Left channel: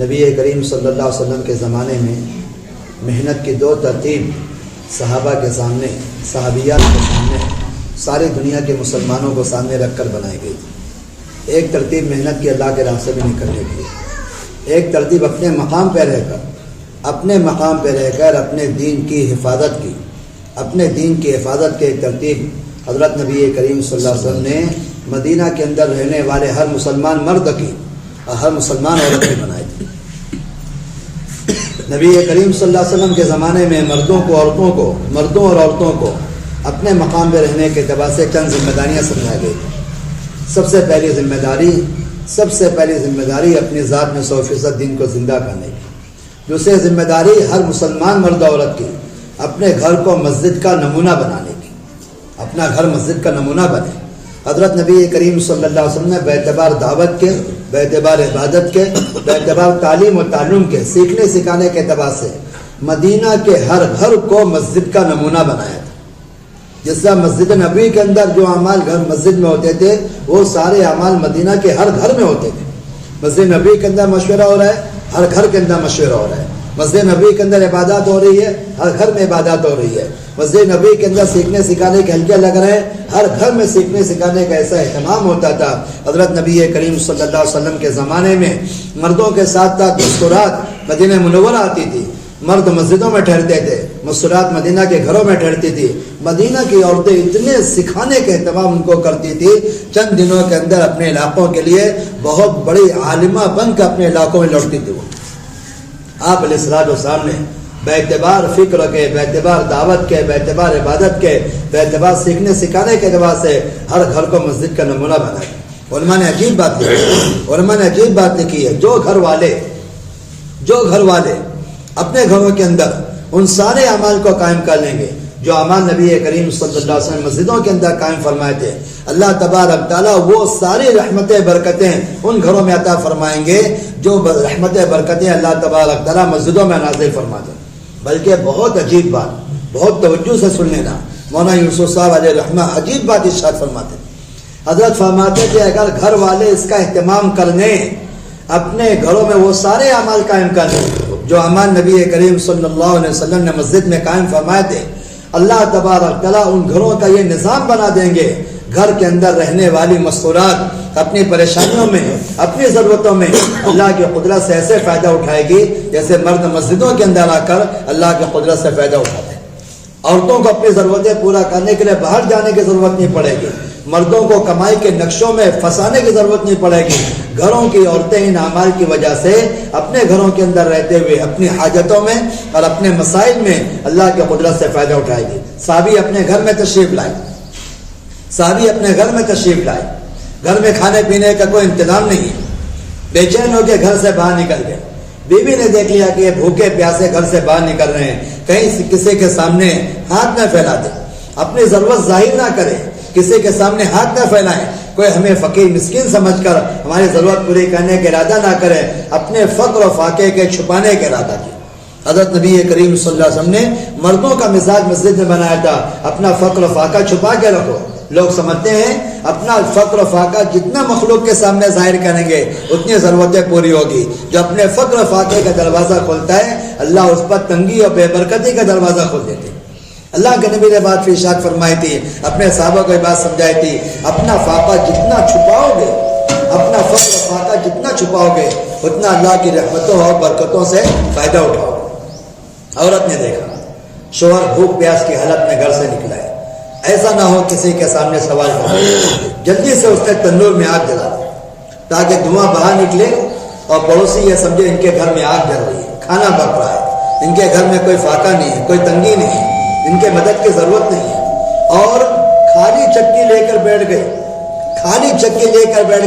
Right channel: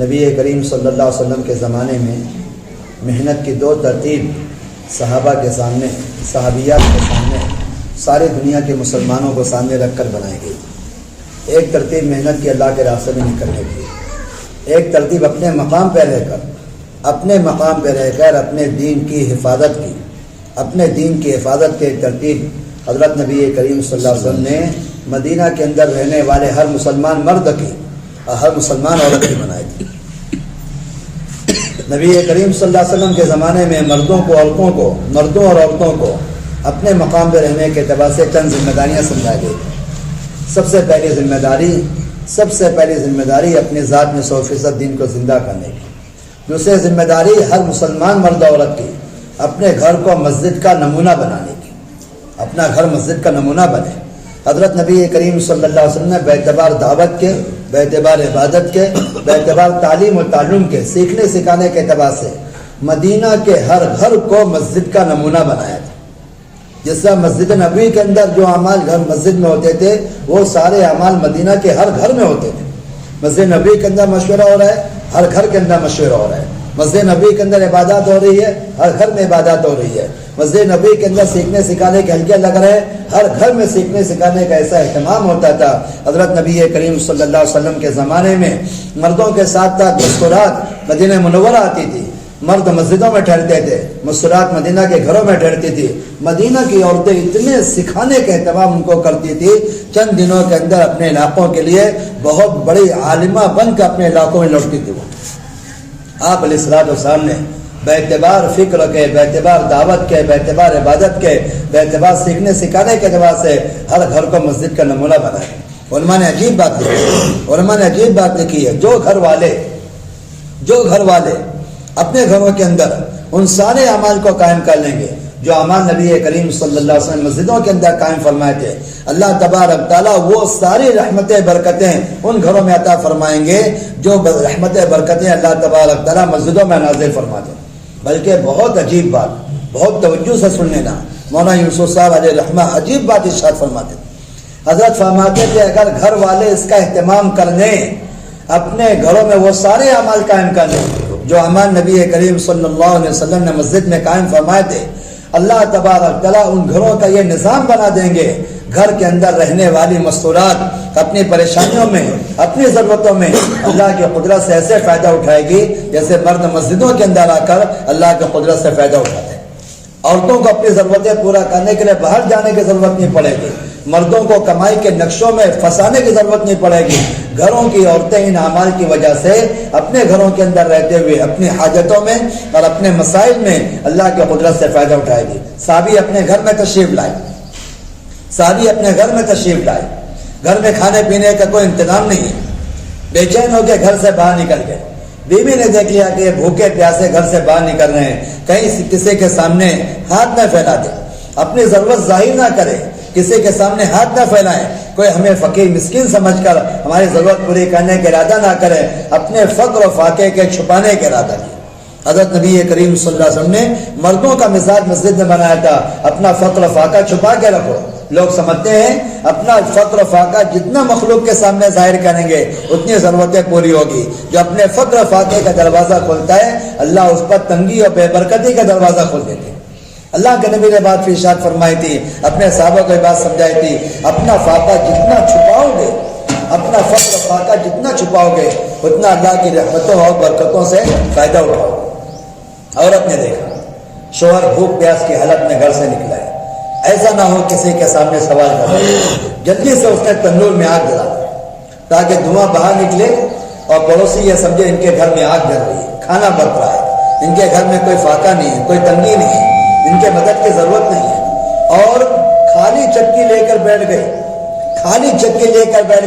نبی کریم صلی اللہ علیہ وسلم کے زمانے میں محنت کی دو ترتیب صحابہ کے سامنے، صحابیات کے سامنے، ساری دنیا کے مسلمانوں کو سامنے رکھ کر بنائی گئی۔ ایک ترتیب محنت کی اللہ کے راستے میں نکلنے کی، ایک ترتیب اپنے مقام پہ رہ کر اپنے دین کی حفاظت کی، اپنے دین کی حفاظت کی ایک ترتیب حضرت نبی کریم صلی اللہ علیہ وسلم نے مدینہ کے اندر رہنے والے ہر مسلمان مرد کی اور ہر مسلمان عورت کی بنائی تھی۔ نبی کریم صلی اللہ علیہ وسلم کے زمانے میں مردوں اور عورتوں کو اپنے مقام پہ رہنے کے اعتبار سے چند ذمہ داریاں سمجھا گئی۔ سب سے پہلی ذمہ داری اپنی ذات میں 100% دین کو زندہ کرنے کی۔ دوسری ذمہ داری ہر مسلمان مرد عورت کی اپنے گھر کو مسجد کا نمونہ بنانے کی، اپنا گھر مسجد کا نمونہ بنے۔ حضرت نبی کریم صلی اللہ علیہ وسلم نے باعتبار دعوت کے، باعتبار عبادت کے، باعتبار تعلیم و تعلم کے، سیکھنے سکھانے کے اعتبار سے مدینہ کے ہر گھر کو مسجد کا نمونہ بنایا تھا۔ جس طرح مسجد نبوی کے اندر جو اعمال گھر مسجد میں ہوتے تھے وہ سارے اعمال مدینہ کے ہر گھر میں ہوتے تھے۔ مسجد نبوی کے اندر مشورہ ہو رہا ہے، ہر گھر کے اندر مشورہ ہو رہا ہے۔ مسجد نبوی کے اندر عبادات ہو رہی ہے، ہر گھر میں عبادات ہو رہی ہے۔ مسجد نبوی کے اندر سیکھنے سکھانے کے حلقے لگ رہے ہیں، ہر گھر میں سیکھنے سکھانے کا ایسا اہتمام ہوتا تھا۔ حضرت نبی کریم صلی اللہ علیہ وسلم کے زمانے میں مردوں کے ساتھ ساتھ مستورات مدینہ منورہ آتی تھی، مرد مسجدوں میں ٹھہرتے تھے، مستورات مدینہ کے گھروں میں ٹھہرتی تھی۔ مدینہ کی عورتیں اتنے سکھانے کا اہتمام ان کو کرتی تھی، چند دنوں کے اندر اپنے علاقوں کے لیے بہت بڑی عالمہ بن کے اپنے علاقوں میں لوٹتی تھی۔ وہ آپ علیہ الصلوۃ والسلام نے باعتبار فکر کے، باعتبار دعوت کے، باعتبار عبادت کے، باعتبار سیکھنے سکھانے کے اعتبار سے ہر گھر کو مسجد کا نمونہ بنایا۔ علماء نے عجیب بات لکھی ہے، جو گھر والے اپنے گھروں کے اندر ان سارے اعمال کو قائم کر لیں گے جو اعمال نبی کریم صلی اللہ علیہ وسلم مسجدوں کے اندر قائم فرمائے تھے، اللہ تبارک تعالیٰ وہ ساری رحمتیں برکتیں ان گھروں میں عطا فرمائیں گے جو رحمتیں برکتیں اللہ تبارک تعالیٰ مسجدوں میں نازل فرماتے ہیں۔ بلکہ بہت عجیب بات، بہت توجہ سے سن لینا، مولانا یوسف صاحب علیہ رحمہ عجیب بات ارشاد فرماتے ہیں۔ حضرت فرماتے کہ اگر گھر والے اس کا اہتمام کر لیں، اپنے گھروں میں وہ سارے اعمال قائم کر لیں جو اعمال نبی کریم صلی اللہ علیہ وسلم نے مسجد میں قائم فرمائے تھے، اللہ تبارک تعالیٰ ان گھروں کا یہ نظام بنا دیں گے، گھر کے اندر رہنے والی مستورات اپنی پریشانیوں میں، اپنی ضرورتوں میں اللہ کی قدرت سے ایسے فائدہ اٹھائے گی جیسے مرد مسجدوں کے اندر آ کر اللہ کی قدرت سے فائدہ اٹھاتے ہیں۔ عورتوں کو اپنی ضرورتیں پورا کرنے کے لیے باہر جانے کی ضرورت نہیں پڑے گی، مردوں کو کمائی کے نقشوں میں پھنسانے کی ضرورت نہیں پڑے گی۔ گھروں کی عورتیں ان اعمال کی وجہ سے اپنے گھروں کے اندر رہتے ہوئے اپنی حاجتوں میں اور اپنے مسائل میں اللہ کی قدرت سے فائدہ اٹھائے گی۔ صحابی اپنے گھر میں تشریف لائے، گھر میں کھانے پینے کا کوئی انتظام نہیں ہے، بے چین ہو کے گھر سے باہر نکل گئے۔ بیوی نے دیکھ لیا کہ بھوکے پیاسے گھر سے باہر نکل رہے ہیں، کہیں کسی کے سامنے ہاتھ نہ پھیلا دے، اپنی ضرورت ظاہر نہ کرے، کسی کے سامنے ہاتھ نہ پھیلائے، کوئی ہمیں فقیر مسکین سمجھ کر ہماری ضرورت پوری کرنے کا ارادہ نہ کرے، اپنے فقر و فاقے کے چھپانے کا ارادہ کیا۔ حضرت نبی کریم صلی اللہ علیہ وسلم نے مردوں کا مزاج مسجد میں بنایا تھا، اپنا فقر و فاقہ چھپا کے رکھو۔ لوگ سمجھتے ہیں اپنا فقر و فاقہ جتنا مخلوق کے سامنے ظاہر کریں گے اتنی ضرورتیں پوری ہوگی۔ جو اپنے فقر و فاقے کا دروازہ کھولتا ہے اللہ اس پر تنگی اور بے برکتی کا دروازہ کھول دیتے ہیں۔ اللہ کے نبی نے بات کی ارشاد فرمائی تھی، اپنے صحابہ کو یہ بات سمجھائی تھی، اپنا فاقہ جتنا چھپاؤ گے، اپنا فقر و فاقہ جتنا چھپاؤ گے اتنا اللہ کی رحمتوں اور برکتوں سے فائدہ اٹھاؤ گے۔ عورت نے دیکھا شوہر بھوک پیاس کی حالت میں گھر سے نکلا ہے، ایسا نہ ہو کسی کے سامنے سوال کرے، جلدی سے اس نے تندور میں آگ جلا دی تاکہ دھواں باہر نکلے اور پڑوسی یہ سمجھے ان کے گھر میں آگ جل رہی ہے، کھانا پک رہا ہے، ان کے گھر میں کوئی فاقہ نہیں ہے، کوئی تنگی نہیں ہے، ان کے مدد کی ضرورت نہیں ہے۔ اور خالی چکی لے کر بیٹھ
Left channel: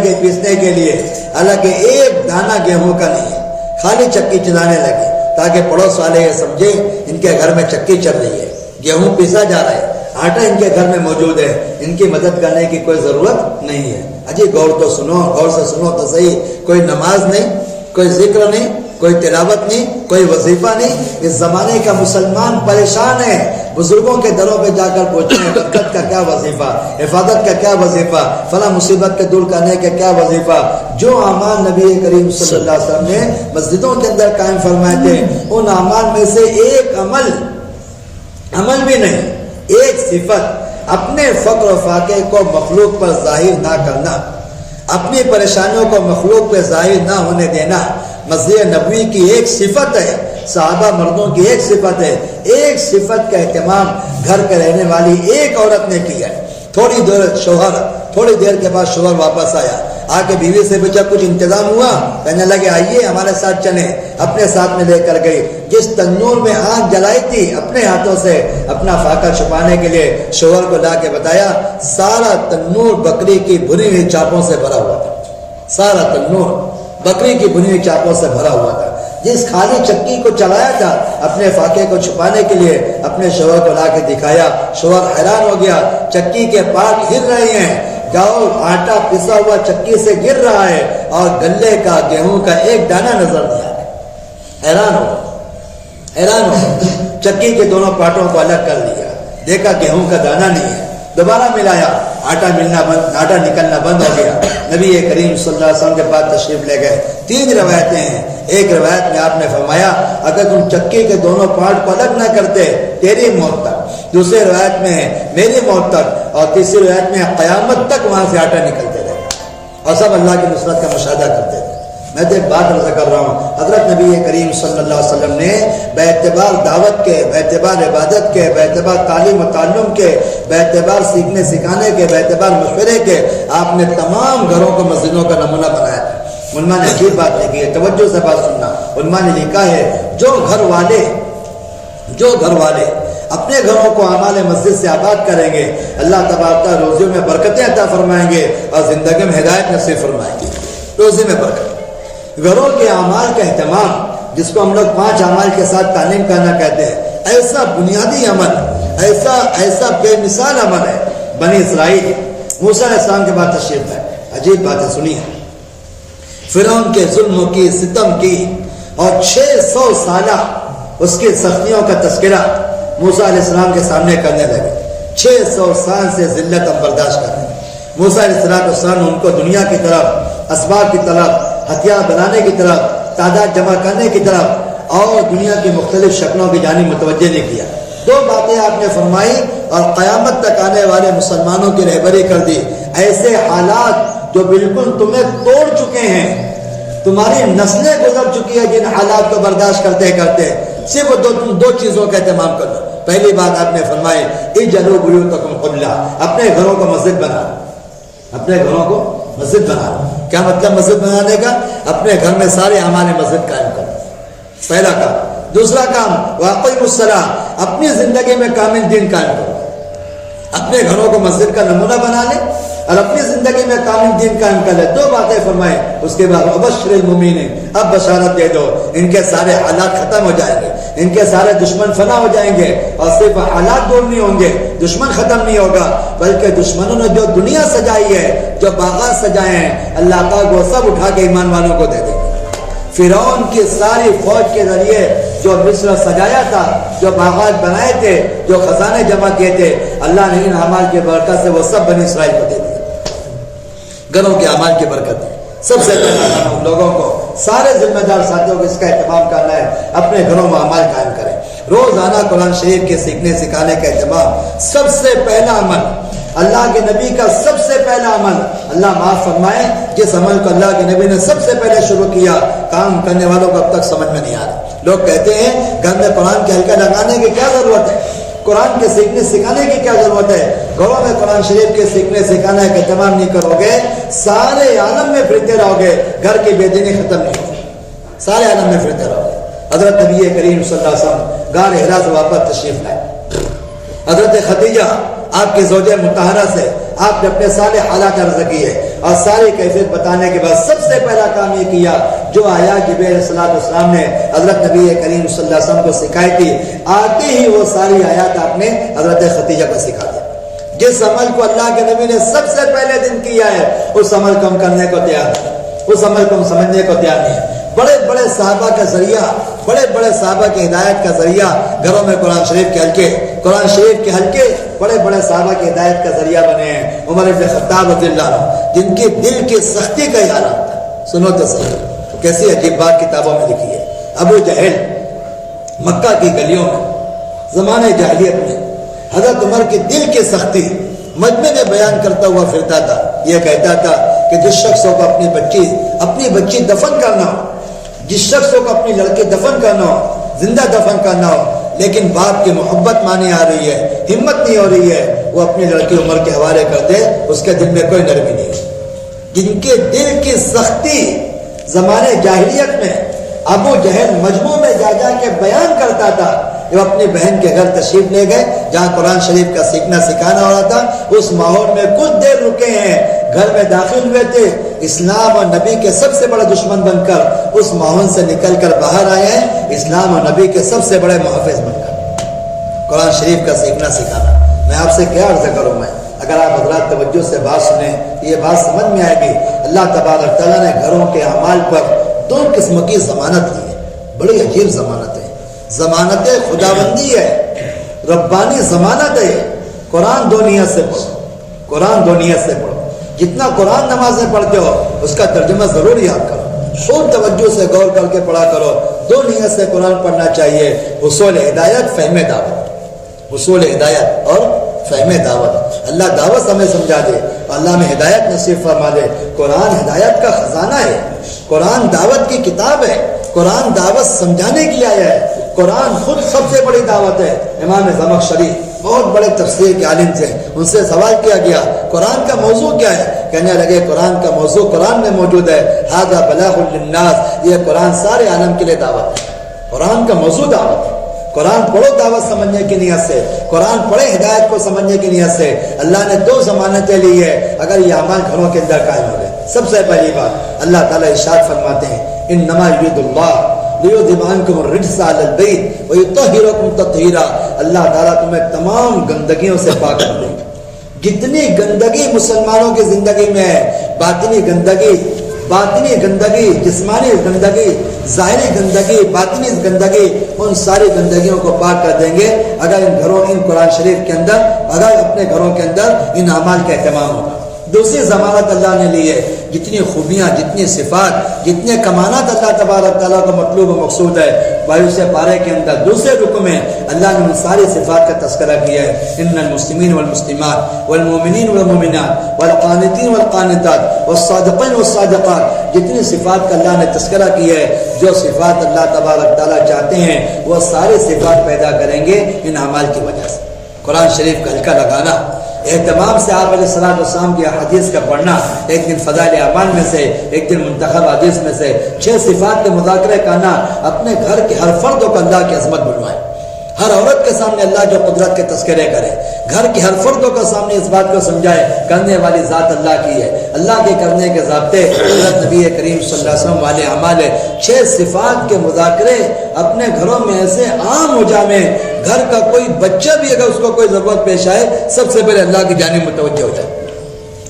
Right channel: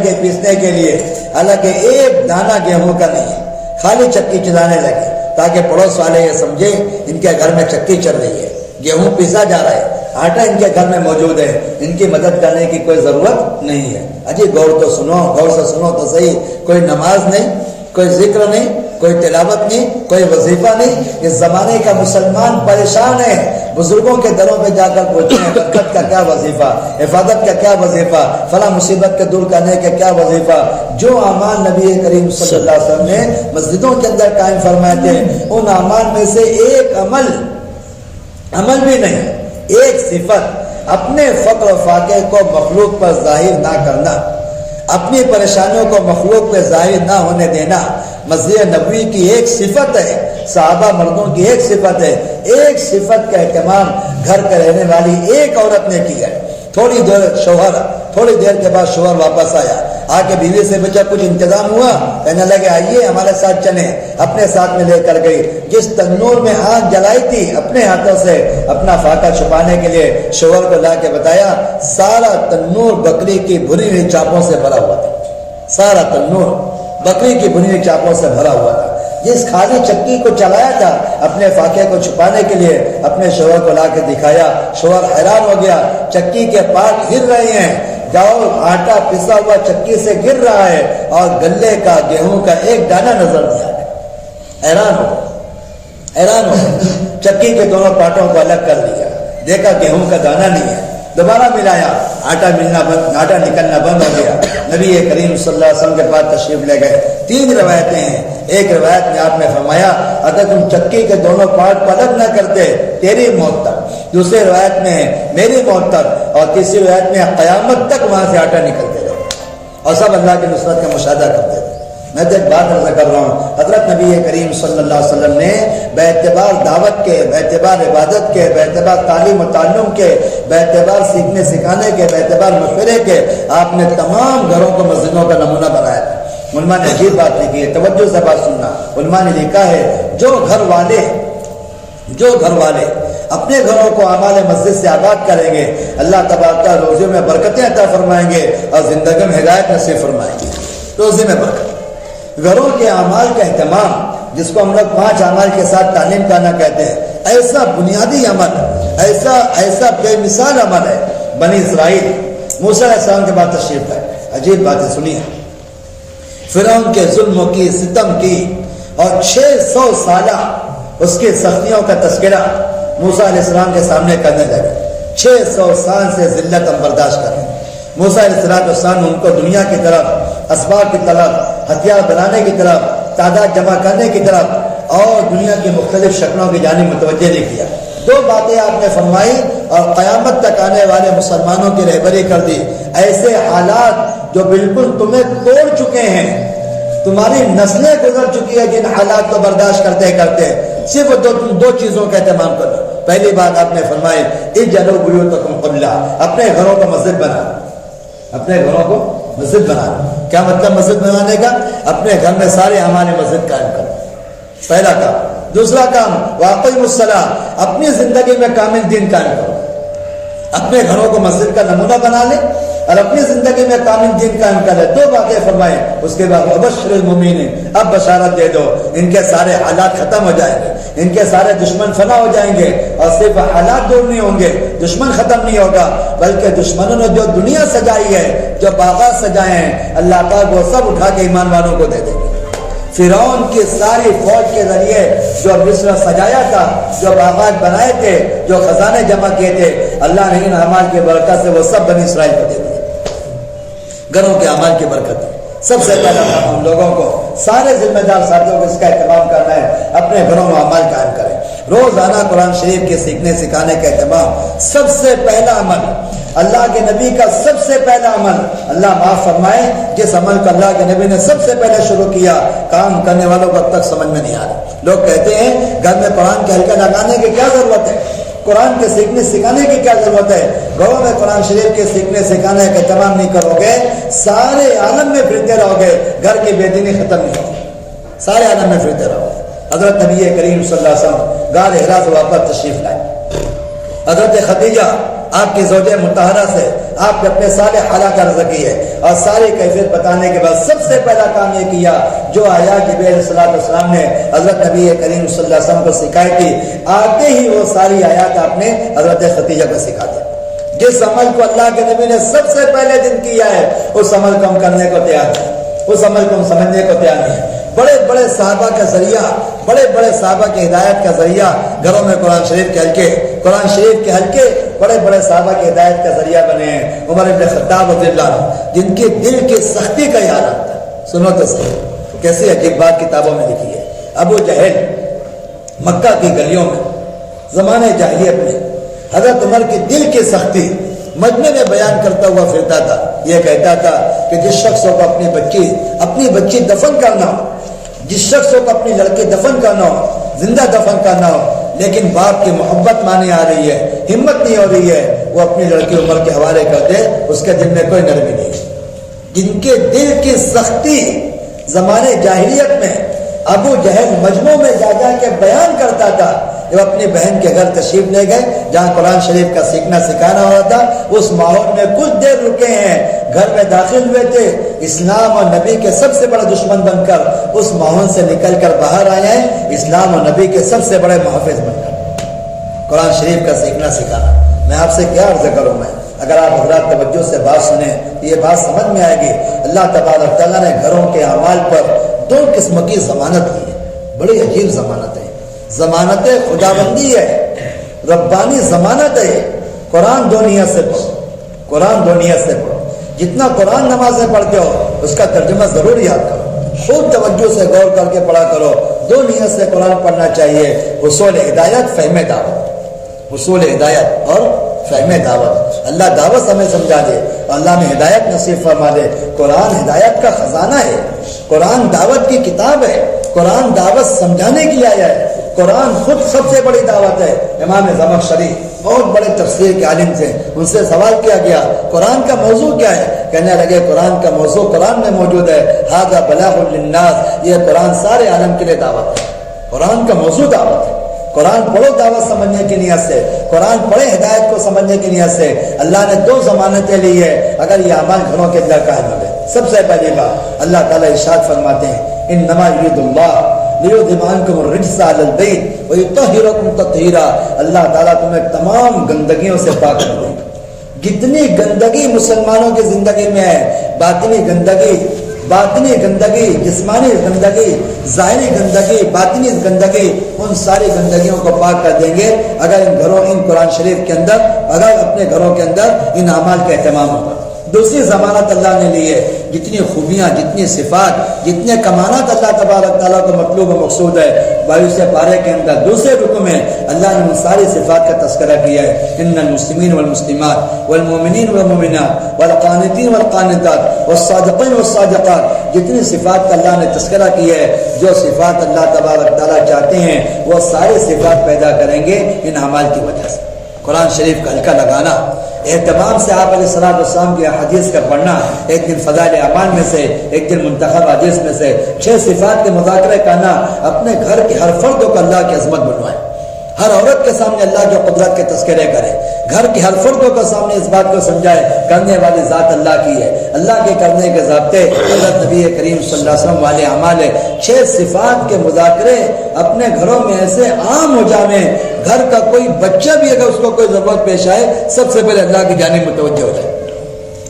گئے پیسنے کے لیے، حالانکہ ایک دانہ گیہوں کا نہیں ہے، خالی چکی چلانے لگے تاکہ پڑوس والے یہ سمجھے ان کے گھر میں چکی چل رہی ہے، گیہوں پیسا جا رہا ہے، آٹا ان کے گھر میں موجود ہے، ان کی مدد کرنے کی کوئی ضرورت نہیں ہے۔ اجی غور سے سنو تو صحیح، کوئی نماز نہیں، کوئی ذکر نہیں، کوئی تلاوت نہیں، کوئی وظیفہ نہیں. اس زمانے کا مسلمان پریشان ہے. بزرگوں کے دروں پہ جا کر پوچھتے ہیں برکت کا کیا وظیفہ، حفاظت کا کیا وظیفہ، فلاں مصیبت کے دور کرنے کا کیا وظیفہ. جو اعمال نبی کریم صلی اللہ علیہ وسلم نے مسجدوں کے اندر قائم فرمائے تھے، ان اعمال میں سے ایک عمل بھی نہیں، ایک صفت، اپنے فقر و فاقے کو مخلوق پر ظاہر نہ کرنا، اپنی پریشانیوں کو مخلوق پہ ظاہر نہ ہونے دینا. مسجد نبوی کی ایک صفت ہے، صحابہ مردوں کی ایک صفت ہے. ایک صفت کا اہتمام گھر کے رہنے والی ایک عورت نے کیا. تھوڑی دیر کے بعد شوہر واپس آیا، آ کے بیوی سے پوچھا کچھ انتظام ہوا؟ کہنے لگے آئیے ہمارے ساتھ چلیں. اپنے ساتھ میں لے کر گئی. جس تنور میں آگ جلائی تھی اپنے ہاتھوں سے اپنا فاقہ چھپانے کے لیے شوہر کو لا کے بتایا، سارا تنور بکری کی بھنی ہوئی چاپوں سے بھرا ہوا تھا. سارا تنور بکری کی بھنی ہوئی چاپوں سے بھرا ہوا تھا. جس خالی چکی کو چلایا تھا اپنے فاقے کو چھپانے کے لیے اپنے شوہر کو لا کے دکھایا. شوہر حیران ہو گیا، چکی کے پارٹ ہل رہے ہیں، چاول آٹا پسا ہوا چکی سے گر رہا ہے اور گلے کا گیہوں کا ایک دانہ نظر نہیں آیا. حیران ہو چکی کے دونوں پارٹوں کو الگ کر دیا، دیکھا گیہوں کا دانہ نہیں ہے. دوبارہ ملایا، آٹا نکلنا بند ہو گیا. نبی کریم صلی اللہ علیہ وسلم کے پاس تشریف لے گئے. 3 روایتیں ہیں. ایک روایت میں آپ نے فرمایا اگر تم چکی کے دونوں پارٹ کو الگ نہ کرتے تیری موت تک. دوسری روایت میں میری موت تک. اور تیسری روایت میں قیامت تک وہاں سے آٹا نکلتے رہے اور سب اللہ کی نصرت کا مشاہدہ کرتے تھے. میں تو ایک بات عرض کر رہا ہوں، حضرت نبی کریم صلی اللہ علیہ وسلم نے باعتبار دعوت کے، باعتبار عبادت کے، باعتبار تعلیم و تعلم کے، باعتبار سیکھنے سکھانے کے، باعتبار مشورے کے، آپ نے تمام گھروں کو مسجدوں کا نمونہ بنایا تھا. علماء نے عجیب بات لکھی ہے، توجہ سے بات سننا. علماء نے لکھا ہے جو گھر والے اپنے گھروں کو اعمال مسجد سے آباد کریں گے، اللہ تبارک روزیوں میں برکتیں عطا فرمائیں گے اور زندگی میں ہدایت نصیب فرمائیں گے. روزی میں برکت. گھروں کے اعمال کا اہتمام، جس کو ہم لوگ 5 اعمال کے ساتھ تعلیم کرنا کہتے ہیں، ایسا بنیادی عمل، ایسا بے مثال عمل ہے. بنی اسرائیل موسیٰ علیہ السلام کے بعد تشریف لائے. عجیب باتیں سنی. فرعون کے ظلم کی، ستم کی اور 600 سالہ اس کی سختیوں کا تذکرہ موسیٰ علیہ السلام کے سامنے کرنے لگے. 600 سال سے ذلت ہم برداشت کر رہے ہیں. موسیٰ علیہ السلام ان کو دنیا کی طرف، اسباب کی طرف، ہتھیار بنانے کی طرف، تعداد جمع کرنے کی طرف اور دنیا کی مختلف شکلوں کی جانب متوجہ نہیں کیا. 2 باتیں آپ نے فرمائی اور قیامت تک آنے والے مسلمانوں کی رہبری کر دی. ایسے حالات جو بالکل تمہیں توڑ چکے ہیں، تمہاری نسلیں گزر چکی ہے جن حالات کو برداشت کرتے کرتے، صرف دو چیزوں کا اہتمام کر لو. پہلی بات آپ نے فرمائی اجعلوا بیوتکم قبلہ، اپنے گھروں کو مسجد بنا. اپنے گھروں کو مسجد بنا. کیا مطلب مسجد بنانے کا؟ اپنے گھر میں سارے اعمال مسجد قائم کرو. پہلا کام. دوسرا کام واقعی الصلاۃ، اپنی زندگی میں کامل دین قائم کرو. اپنے گھروں کو مسجد کا نمونہ بنا لے اور اپنی زندگی میں کامل دین قائم کر لے. 2 باتیں فرمائے. اس کے بعد وبشر المؤمنین، اب بشارت دے دو ان کے سارے حالات ختم ہو جائیں گے، ان کے سارے دشمن فنا ہو جائیں گے. اور صرف حالات دور نہیں ہوں گے، دشمن ختم نہیں ہوگا، بلکہ دشمنوں نے جو دنیا سجائی ہے، جو باغات سجائے ہیں، اللہ پاک وہ سب اٹھا کے ایمان والوں کو دے دیں گے. فرعون کی ساری فوج کے ذریعے جو مصر سجایا تھا، جو باغات بنائے تھے، جو خزانے جمع کیے تھے، اللہ نے ان اعمال کی برکت سے وہ سب بنی اسرائیل کو دے دیے. گھروں کے اعمال کی برکت ہے. سب سے پہلا ہم لوگوں کو، سارے ذمہ دار ساتھیوں کو اس کا اہتمام کرنا ہے. اپنے گھروں میں اعمال قائم کریں. روزانہ قرآن شریف کے سیکھنے سکھانے کا اہتمام. سب سے پہلا عمل، اللہ کے نبی کا سب سے پہلا عمل، اللہ معاف فرمائے جس عمل کو اللہ کے نبی نے سب سے پہلے شروع کیا، کام کرنے والوں کو اب تک سمجھ میں نہیں آ رہا. لوگ کہتے ہیں گھر میں قرآن کے حلقہ لگانے کی کیا ضرورت ہے، قرآن کے سیکھنے سکھانے کی کیا ضرورت ہے. گھروں میں قرآن شریف کے سیکھنے سکھانے کا اہتمام نہیں کرو گے، سارے عالم میں پھرتے رہو گے، گھر کی بے دینی ختم نہیں ہوگی. سارے عالم میں پھرتے رہو گے. حضرت نبی کریم صلی اللہ علیہ وسلم غار حرا سے واپس تشریف لائے. حضرت خدیجہ آپ کی زوجہ مطہرہ سے آپ نے اپنے سارے حالات عرض کیے اور ساری کیفیت بتانے کے بعد سب سے پہلا کام یہ کیا جو آیات جبریل علیہ السلام نے حضرت نبی کریم صلی اللہ علیہ وسلم کو سکھائی تھی، آتے ہی وہ ساری آیات آپ نے حضرت خدیجہ کو سکھا دی. جس عمل کو اللہ کے نبی نے سب سے پہلے دن کیا ہے، اس عمل کو ہم کرنے کو تیار نہیں، اس عمل کو ہم سمجھنے کو تیار نہیں. بڑے بڑے صحابہ کا ذریعہ، بڑے بڑے صحابہ کی ہدایت کا ذریعہ گھروں میں قرآن شریف کے حلقے بڑے بڑے صحابہ کی ہدایت کا ذریعہ بنے ہیں۔ عمر بن خطاب رضی اللہ عنہ جن کے دل کی سختی کا عالم تھا، سنو تو صحیح کیسی عجیب بات کتابوں میں لکھی ہے۔ ابو جہل مکہ کی گلیوں میں زمانے جاہلیت میں حضرت عمر کی دل کی سختی مجمع میں بیان کرتا ہوا پھرتا تھا۔ یہ کہتا تھا کہ جس شخص کو اپنی بچی دفن کرنا ہو، جس شخص کو اپنی لڑکی دفن کرنا ہو، زندہ دفن کرنا ہو، لیکن باپ کی محبت مانے آ رہی ہے، ہمت نہیں ہو رہی ہے، وہ اپنی لڑکی عمر کے حوالے کر دے، اس کے دل میں کوئی نرمی نہیں۔ جن کے دل کی سختی زمانے جاہلیت میں ابو جہل مجمع میں جا کے بیان کرتا تھا۔ وہ اپنی بہن کے گھر تشریف لے گئے جہاں قرآن شریف کا سیکھنا سکھانا ہو رہا تھا، اس ماحول میں کچھ دیر رکے ہیں، گھر میں داخل ہوئے تھے، اسلام اور نبی کے سب سے بڑے دشمن بن کر اس ماحول سے نکل کر باہر آئے ہیں، اسلام اور نبی کے سب سے بڑے محافظ بن کر۔ قرآن شریف کا سیکھنا سکھانا، میں آپ سے کیا عرض کروں، میں اگر آپ حضرات توجہ سے بات سنیں یہ بات سمجھ میں آئے گی۔ اللہ تبارک تعالیٰ نے گھروں کے اعمال پر 2 قسم کی ضمانت دی ہے، بڑی عجیب ضمانت ہے۔ ضمانت خداوندی ہے، ربانی ضمانت ہے۔ قرآن 2 نیت سے پڑھو، قرآن 2 نیت سے پڑھو۔ جتنا قرآن نمازیں پڑھتے ہو اس کا ترجمہ ضرور یاد کرو، خوب توجہ سے غور کر کے پڑھا کرو۔ 2 نیت سے قرآن پڑھنا چاہیے، حصول ہدایت، فہم دعوت، حصول ہدایت اور فہم دعوت۔ اللہ دعوت ہمیں سمجھا دے، اللہ میں ہدایت نصیب فرما دے۔ قرآن ہدایت کا خزانہ ہے، قرآن دعوت کی کتاب ہے، قرآن دعوت سمجھانے کی آیا ہے، قرآن خود سب سے بڑی دعوت ہے۔ امام زمخشری بہت بڑے تفسیر کے عالم تھے، ان سے سوال کیا گیا قرآن کا موضوع کیا ہے؟ کہنے لگے قرآن کا موضوع قرآن میں موجود ہے، ھذا بلاغ للناس، یہ قرآن سارے عالم کے لیے دعوت ہے، قرآن کا موضوع دعوت ہے۔ قرآن پڑھو دعوت سمجھنے کی نیت سے، قرآن پڑھے ہدایت کو سمجھنے کی نیت سے۔ اللہ نے 2 ضمانتیں لی ہے اگر یہ اعمال گھروں کے اندر قائم ہو گئے۔ سب سے پہلی بات اللہ تعالیٰ ارشاد فرماتے ہیں انما یرید اللہ لیذھب عنکم الرجس اہل البیت ویطہرکم تطہیرا، اللہ تعالیٰ تمہیں تمام گندگیوں سے پاک کر دے گا۔ جتنی گندگی مسلمانوں کی زندگی میں ہے، باطنی گندگی، جسمانی گندگی، ظاہری گندگی، باطنی گندگی، ان ساری گندگیوں کو پاک کر دیں گے اگر ان قرآن شریف کے اندر، اگر اپنے گھروں کے اندر ان اعمال کا اہتمام ہوگا۔ دوسری ضمانت اللہ نے لی ہے، جتنی خوبیاں، جتنی صفات، جتنے کمانات اللہ تبارک تعالیٰ کو مطلوب و مقصود ہے، 22 پارے کے اندر دوسرے رکن میں اللہ نے ان ساری صفات کا تذکرہ کیا ہے۔ ان المسلمین والمسلمات والمؤمنین والمؤمنات والقانتین والقانتات والصادقین والصادقات، جتنی صفات کا اللہ نے تذکرہ کیا ہے، جو صفات اللہ تبارک تعالیٰ چاہتے ہیں وہ ساری صفات پیدا کریں گے ان اعمال کی وجہ سے۔ قرآن شریف کا حلقہ لگانا، اہتمام سے آپ علیہ الصلوۃ والسلام کی حدیث کا پڑھنا، ایک دن فضائل اعمال میں سے، ایک دن منتخب حدیث میں سے 6 صفات کے مذاکرہ کرنا، اپنے گھر کے ہر فرد کو اللہ کی عظمت بنوائے، ہر عورت کے سامنے اللہ جو قدرت کے تذکرے کرے، گھر کے ہر فرد کو سامنے اس بات کو سمجھائے کرنے والی ذات اللہ کی ہے، اللہ کے کرنے کے ضابطے نبی کریم صلی اللہ علیہ وسلم والے اعمال ہے۔ 6 صفات کے مذاکرے اپنے گھروں میں ایسے عام ہو جائیں، گھر کا کوئی بچہ بھی اگر اس کو کوئی ضرورت پیش آئے سب سے پہلے اللہ کی جانب متوجہ ہو جائے،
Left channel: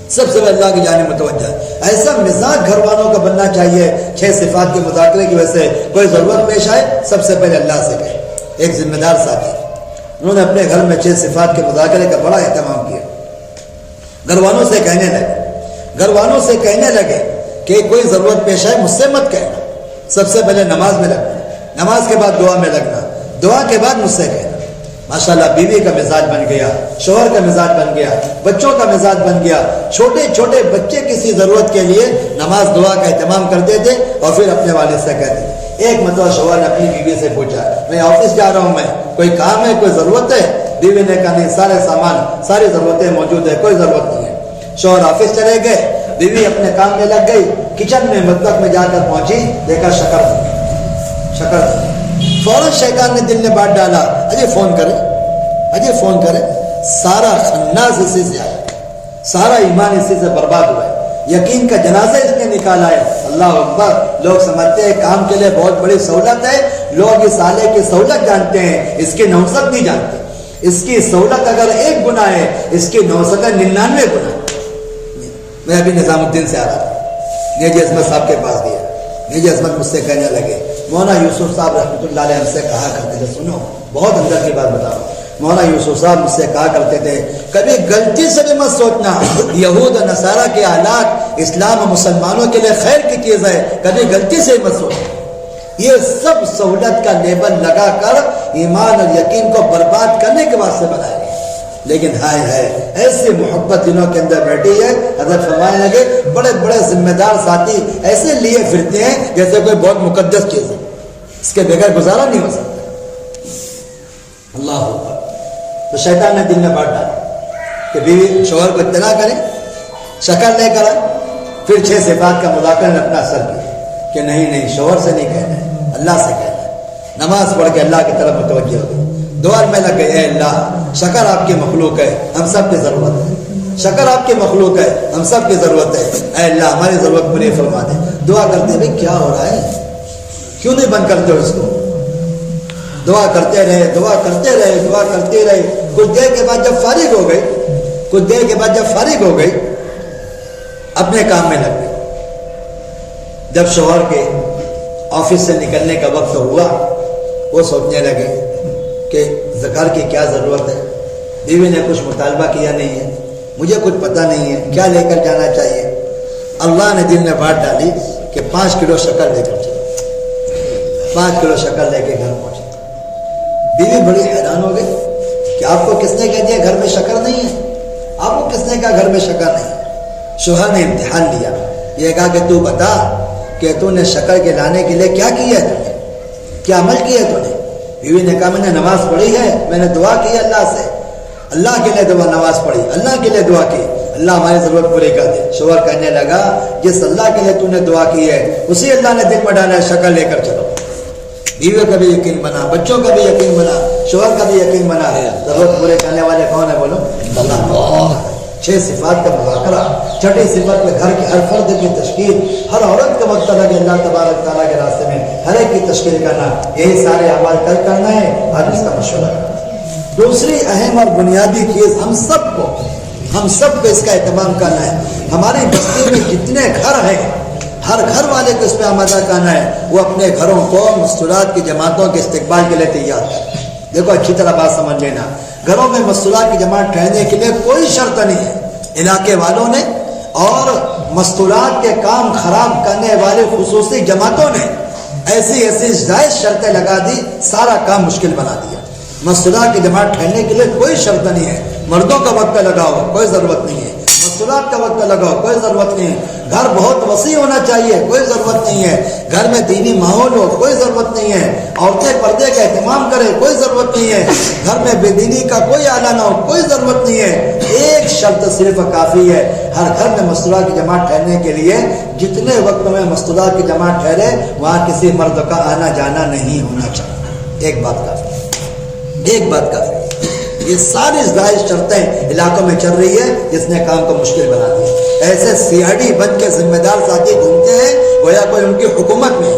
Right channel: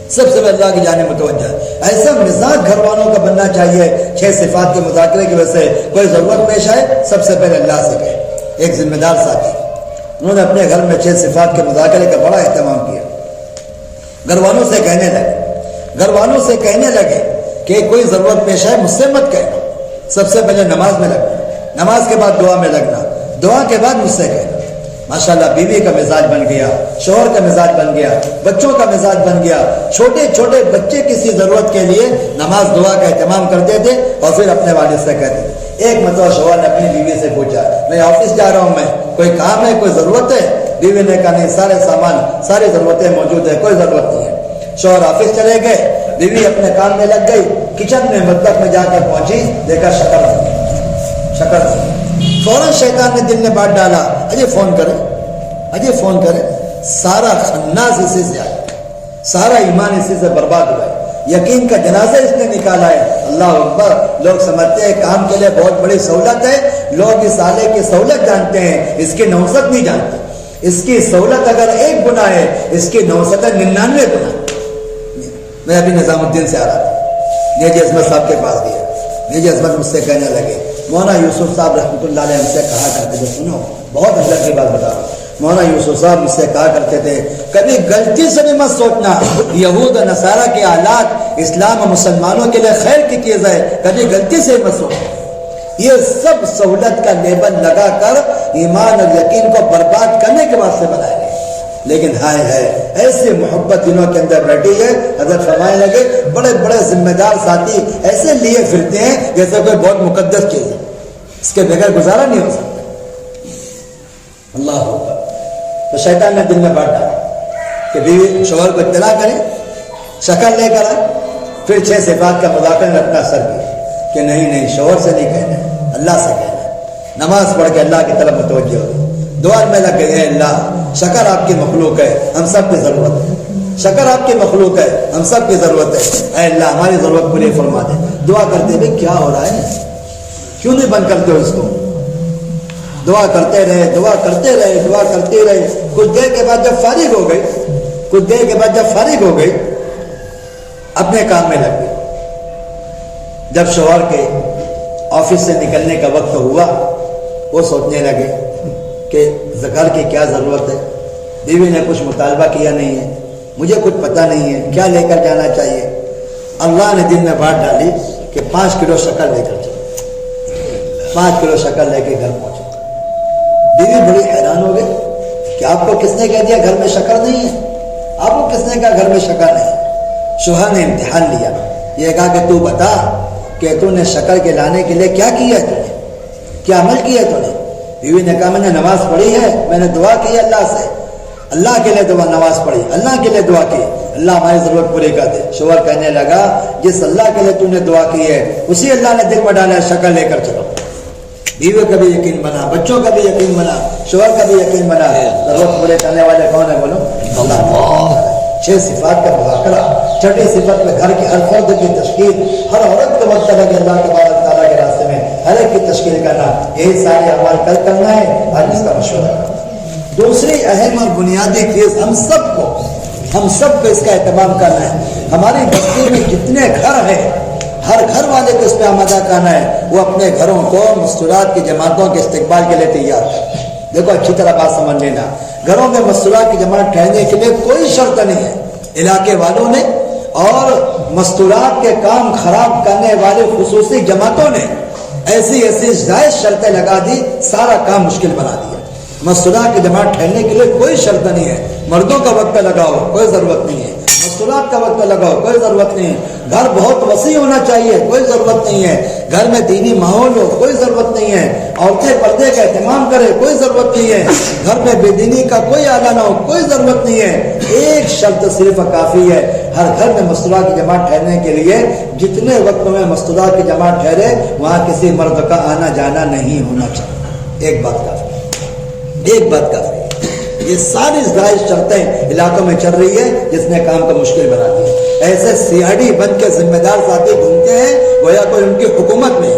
سب سے پہلے اللہ کی جانب متوجہ ہے۔ ایسا مزاج گھر والوں کا بننا چاہیے، 6 صفات کے مذاکرے کی وجہ سے کوئی ضرورت پیش آئے سب سے پہلے اللہ سے کہے۔ ایک ذمہ دار ساتھی انہوں نے اپنے گھر میں 6 صفات کے مذاکرے کا بڑا اہتمام کیا۔ گھر والوں سے کہنے لگے کہ کوئی ضرورت پیش آئے مجھ سے مت کہنا، سب سے پہلے نماز میں لگنا، نماز کے بعد دعا میں لگنا، دعا کے بعد مجھ سے کہنا۔ ماشاءاللہ بیوی کا مزاج بن گیا، شوہر کا مزاج بن گیا، بچوں کا مزاج بن گیا۔ چھوٹے چھوٹے بچے کسی ضرورت کے لیے نماز دعا کا اہتمام کرتے تھے اور پھر اپنے والد سے کہتے تھے۔ ایک مرتبہ شوہر نے اپنی بیوی سے پوچھا میں آفس جا رہا ہوں، میں کوئی کام ہے، کوئی ضرورت ہے؟ بیوی نے کہا نہیں، سارے سامان، ساری ضرورتیں موجود ہے، کوئی ضرورت نہیں ہے۔ شوہر آفس چلے گئے، بیوی اپنے کام میں لگ گئی، کچن میں مطبخ میں جا کر پہنچی، دیکھا شکر فوراً شیطان نے دل میں بات ڈالا اجے فون کرے، سارا خناس اسی سے آیا، سارا ایمان اسی سے برباد ہوا ہے، یقین کا جنازہ اس نے نکالا ہے۔ اللہ اکبر، لوگ سمجھتے ہیں کام کے لیے بہت بڑی سہولت ہے، لوگ اس آلے کی سہولت جانتے ہیں، اس کی نوسط نہیں جانتے۔ اس کی سہولت اگر 1 گنا ہے، اس کی نوسط 99 گنا۔ میں ابھی نظام الدین سے آ رہا تھا، یہ عظمت صاحب کے پاس گیا، یہ عظمت مجھ سے کہنے لگے. مولانا یوسف صاحب رحمۃ اللہ علیہ ہم سے کہا کرتے تھے, سنو بہت اندر کی بات بتا رہا ہوں, مولانا یوسف صاحب مجھ سے کہا کرتے تھے کبھی غلطی سے بھی مت سوچنا یہود و نصارہ کے حالات اسلام و مسلمانوں کے لیے خیر کی چیز ہے, کبھی غلطی سے مت سوچنا. یہ سب سہولت کا لیبل لگا کر ایمان اور یقین کو برباد کرنے کے واسطے بنائے گئے. لیکن ہائے ہے ایسی محبت دلوں کے اندر بیٹھی ہے. حضرت فرمانے لگے بڑے بڑے ذمہ دار ساتھی ایسے لیے پھرتے ہیں جیسے کوئی بہت مقدس چیز ہے, اس کے بغیر گزارا نہیں ہو سکتا. اللہ اکبر. تو شیطان نے دل میں بانٹ ڈالا کہ بیوی شوہر کو اطلاع کرے, شکل لے کر پھر 6 صفات کا مذاکرہ نے اپنا اثر کیا کہ نہیں شوہر سے نہیں کہنا ہے, اللہ سے کہنا ہے. نماز پڑھ کے اللہ کی طرف متوجہ ہو, دعا میں لگے اے اللہ شکر آپ کی مخلوق ہے, ہم سب کی ضرورت ہے, شکر آپ کی مخلوق ہے, ہم سب کی ضرورت ہے, اے اللہ ہماری ضرورت پوری فرما دے. دعا کرتے ہوئے کیا ہو رہا ہے, کیوں نہیں بند کرتے ہو اس کو؟ دعا کرتے رہے, دعا کرتے رہے, دعا کرتے رہے. کچھ دیر کے بعد جب فارغ ہو گئی اپنے کام میں لگ گئی. جب شوہر کے آفس سے نکلنے کا وقت ہوا وہ سوچنے لگے کہ زکار کی کیا ضرورت ہے. بیوی نے کچھ مطالبہ کیا نہیں ہے, مجھے کچھ پتہ نہیں ہے کیا لے کر جانا چاہیے. اللہ نے دل میں بات ڈالی کہ 5 کلو شکر لے کر چلے. 5 کلو شکر لے کے گھر پہنچے. بیوی بڑی حیران ہو گئی کہ آپ کو کس نے کہہ دیا گھر میں شکر نہیں ہے, آپ کو کس نے کہا گھر میں شکر نہیں ہے. شوہر نے امتحان لیا, یہ کہا کہ تو بتا کہ تو نے شکر کے لانے کے لیے کیا کیا ہے, تو نے کیا عمل کیا ہے تو نے. بیوی نے کہا میں نے نماز پڑھی ہے, میں نے دعا کی اللہ سے, اللہ کے لیے دعا, نماز پڑھی اللہ کے لیے دعا کی, اللہ ہماری ضرورت پوری کر دے. شوہر کہنے لگا جس اللہ کے لیے تو نے دعا کی ہے اسی اللہ نے دل میں ڈالا ہے شکر لے کر چلو. بیوی کا بھی یقین بنا, بچوں کا بھی یقین بنا, شوہر کا بھی یقین بنا ہے. ضرورت پورے کرنے والے کون ہے بولو؟ اللہ. 6 صفات کا مذاکرہ. 6ٹھی صفت میں گھر کے ہر فرد کی تشکیل, ہر عورت کو وقت لگے اللہ تبارک تعالیٰ کے راستے میں ہر ایک کی تشکیل کرنا, یہی سارے اعمال کل کرنا ہے اور اس کا مشورہ کرنا. دوسری اہم اور بنیادی چیز ہم سب کو اس کا اہتمام کرنا ہے. ہماری بستی میں جتنے گھر ہیں ہر گھر والے کو اس پہ آمادہ کرنا ہے وہ اپنے گھروں کو مستورات کی جماعتوں کے استقبال کے لیے تیار ہے. دیکھو اچھی طرح بات سمجھ لینا, گھروں میں مستورات کی جماعت ٹھہرنے کے لیے کوئی شرط نہیں ہے. علاقے والوں نے اور مستورات کے کام خراب کرنے والے خصوصی جماعتوں نے ایسی جائز شرطیں لگا دی, سارا کام مشکل بنا دیا. مستورات کی جماعت ٹھہرنے کے لیے کوئی شرط نہیں ہے. مردوں کا وقت لگاؤ کوئی ضرورت نہیں ہے, مستورات کا وقت لگاؤ کوئی ضرورت نہیں ہے. گھر بہت وسیع ہونا چاہیے کوئی ضرورت نہیں ہے. گھر میں دینی ماحول ہو کوئی ضرورت نہیں ہے. عورتیں پردے کا اہتمام کرے کوئی ضرورت نہیں ہے. گھر میں بے دینی کا کوئی آلہ نہ ہو کوئی ضرورت نہیں ہے. ایک شرط صرف کافی ہے, ہر گھر میں مستورات کی جماعت ٹھہرنے کے لیے جتنے وقت میں مستورات کی جماعت ٹھہرے وہاں کسی مرد کا آنا جانا نہیں ہونا چاہیے. ایک بات کافی ہے. یہ ساری ظاہر شرطیں علاقوں میں چل رہی ہے جس نے کام کو مشکل بنا دیا. ایسے سیاڑی بن کے ذمہ دار ساتھی گھومتے ہیں گویا کوئی ان کی حکومت میں ہے.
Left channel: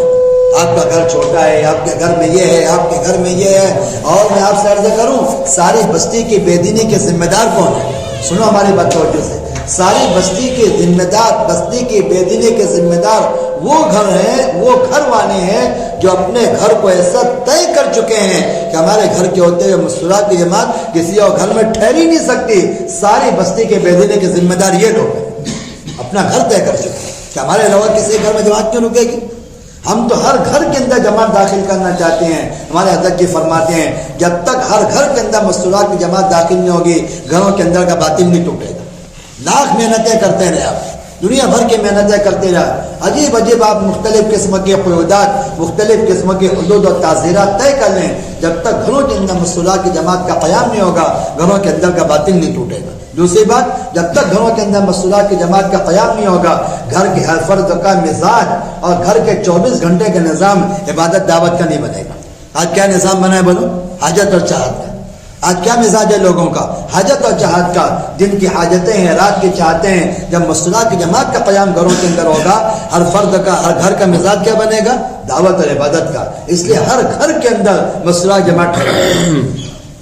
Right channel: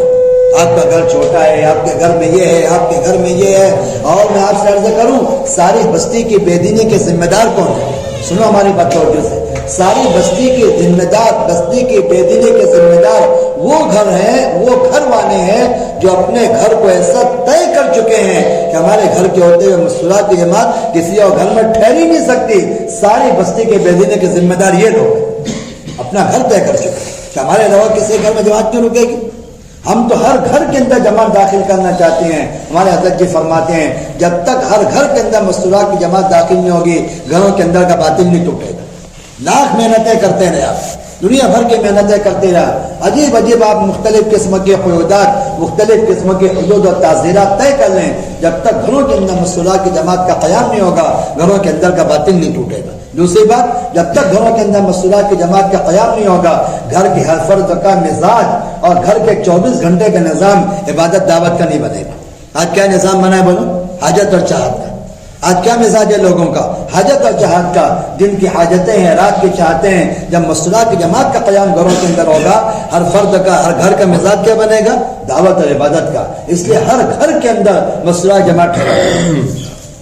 آپ کا گھر چھوٹا ہے, آپ کے گھر میں یہ ہے, آپ کے گھر میں یہ ہے. اور میں آپ سے عرض کروں ساری بستی کی بے دینی کے ذمہ دار کون ہے؟ سنو ہماری بات توجہ سے. ساری بستی کے ذمہ دار, بستی کی بے دینی کے ذمہ دار وہ گھر ہیں, وہ گھر والے ہیں جو اپنے گھر کو ایسا طے کر چکے ہیں کہ ہمارے گھر کے ہوتے ہوئے مستورات کی جماعت کسی اور گھر میں ٹھہر ہی نہیں سکتی. ساری بستی کے بے دینی کے ذمہ دار یہ لوگ ہیں, اپنا گھر طے کر چکے ہیں کہ ہمارے علاوہ کسی گھر میں جماعت کیوں رکے گی. ہم تو ہر گھر کے اندر جماعت داخل کرنا چاہتے ہیں. ہمارے حضرت جی فرماتے ہیں جب تک ہر گھر کے اندر مستورات کی جماعت داخل نہیں ہوگی گھروں کے اندر کا باطن نہیں ٹوٹے گا. لاکھ محنتیں کرتے رہے آپ, دنیا بھر کی محنتیں کرتے رہے, عجیب عجیب آپ مختلف قسم کے قیودات, مختلف قسم کے حدود اور تعزیرات طے کر لیں, جب تک گھروں کے اندر مستورات کی جماعت کا قیام نہیں ہوگا گھروں کے اندر کا باطن نہیں ٹوٹے گا. دوسری بات, جب تک گھروں کے اندر مستورات کی جماعت کا قیام نہیں ہوگا گھر کے ہر فرد کا مزاج اور گھر کے 24 گھنٹے کا نظام عبادت دعوت کا نہیں بنے گا. آج کیا نظام بنا ہے بولو؟ حاجت اور چاہت کا. آج کیا مزاج ہے لوگوں کا؟ حاجت اور چاہت کا. دن کی حاجتیں ہیں, رات کی چاہتے ہیں. جب مستورات کی جماعت کا قیام گھروں کے اندر ہوگا ہر فرد کا, ہر گھر کا مزاج کیا بنے گا؟ دعوت اور عبادت کا. اس لیے ہر گھر کے اندر مستورات جماعت ٹھہرے.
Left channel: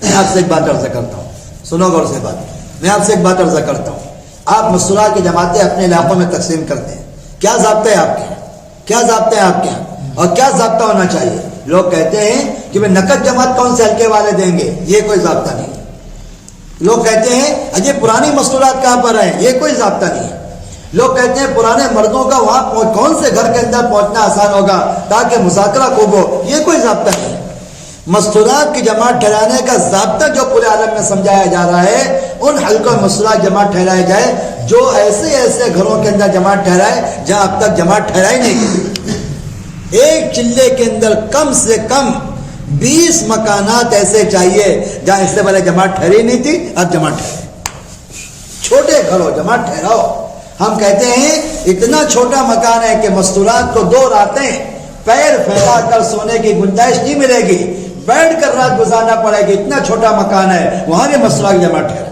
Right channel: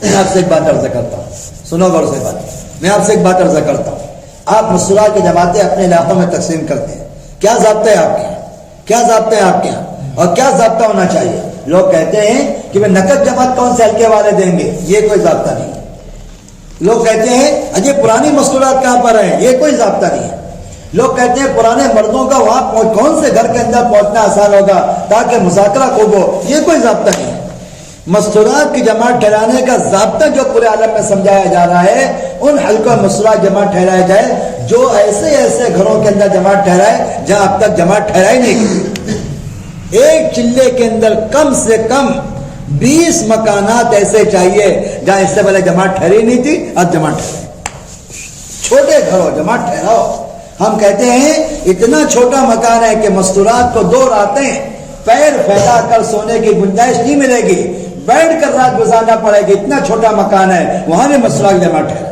میں آپ سے ایک بات عرض کرتا ہوں, سنو غور سے بات. میں آپ سے ایک بات عرض کرتا ہوں, آپ مستورات کی جماعتیں اپنے علاقوں میں تقسیم کرتے ہیں, کیا ضابطہ ہے آپ کے؟ کیا ضابطے ہیں آپ کے یہاں اور کیا ضابطہ ہونا چاہیے؟ لوگ کہتے ہیں کہ وہ نقد جماعت کون سے حلقے والے دیں گے، یہ کوئی ضابطہ نہیں ہے۔ لوگ کہتے ہیں اجے پرانی مستورات کہاں پر ہیں، یہ کوئی ضابطہ نہیں ہے۔ لوگ کہتے ہیں پرانے مردوں کا وہاں کون سے گھر کے اندر پہنچنا آسان ہوگا تاکہ مذاکرہ خوب ہو، یہ کوئی ضابطہ نہیں ہے۔ مستورات کی جماعت ٹھہرانے کا ضابطہ جو پورے عالم میں سمجھایا جا رہا ہے، ان حلقوں مستورات جماعت ٹھہرایا جائے جو ایسے گھروں کے اندر جماعت ٹھہرائے جہاں اب تک جماعت ٹھہرائی نہیں کی۔ ایک چلے کے اندر کم سے کم 20 مکانات ایسے چاہیے جہاں اس سے پہلے جماعت ٹھہری نہیں تھی، اب جماعت ٹھہرے۔ چھوٹے گھروں جماعت ٹھہراؤ۔ ہم کہتے ہیں اتنا چھوٹا مکان ہے کہ مستورات کو 2 راتیں پیر پھیلا کر سونے کی گنجائش نہیں ملے گی، بیٹھ کر رات گزارنا پڑے گی، اتنا چھوٹا مکان ہے، وہاں بھی مستورات کی جماعت ٹھہرے۔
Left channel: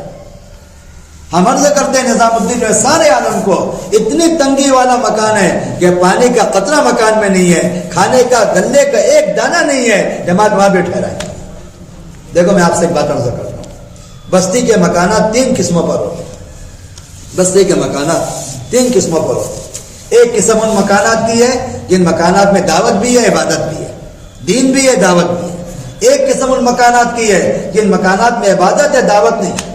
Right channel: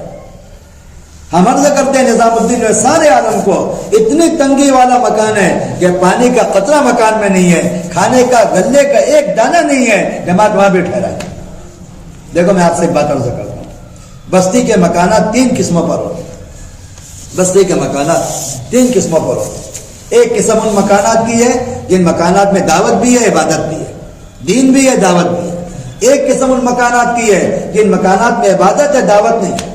ہم عرض کرتے ہیں نظام الدین میں سارے عالم کو اتنی تنگی والا مکان ہے کہ پانی کا قطرہ مکان میں نہیں ہے، کھانے کا گلے کا ایک دانہ نہیں ہے، جماعت وہاں بھی ٹھہرا ہے۔ دیکھو میں آپ سے ایک بات عرض کرتا ہوں، بستی کے مکانات 3 قسموں پر ہوتے ہیں۔ بستی کے مکانات 3 قسموں پر ہوتے ہیں۔ ایک قسم ان مکانات کی ہے جن مکانات میں دعوت بھی ہے، عبادت بھی ہے، دین بھی ہے، دعوت بھی ہے۔ ایک قسم ان مکانات کی ہے جن مکانات میں عبادت ہے، دعوت نہیں ہے۔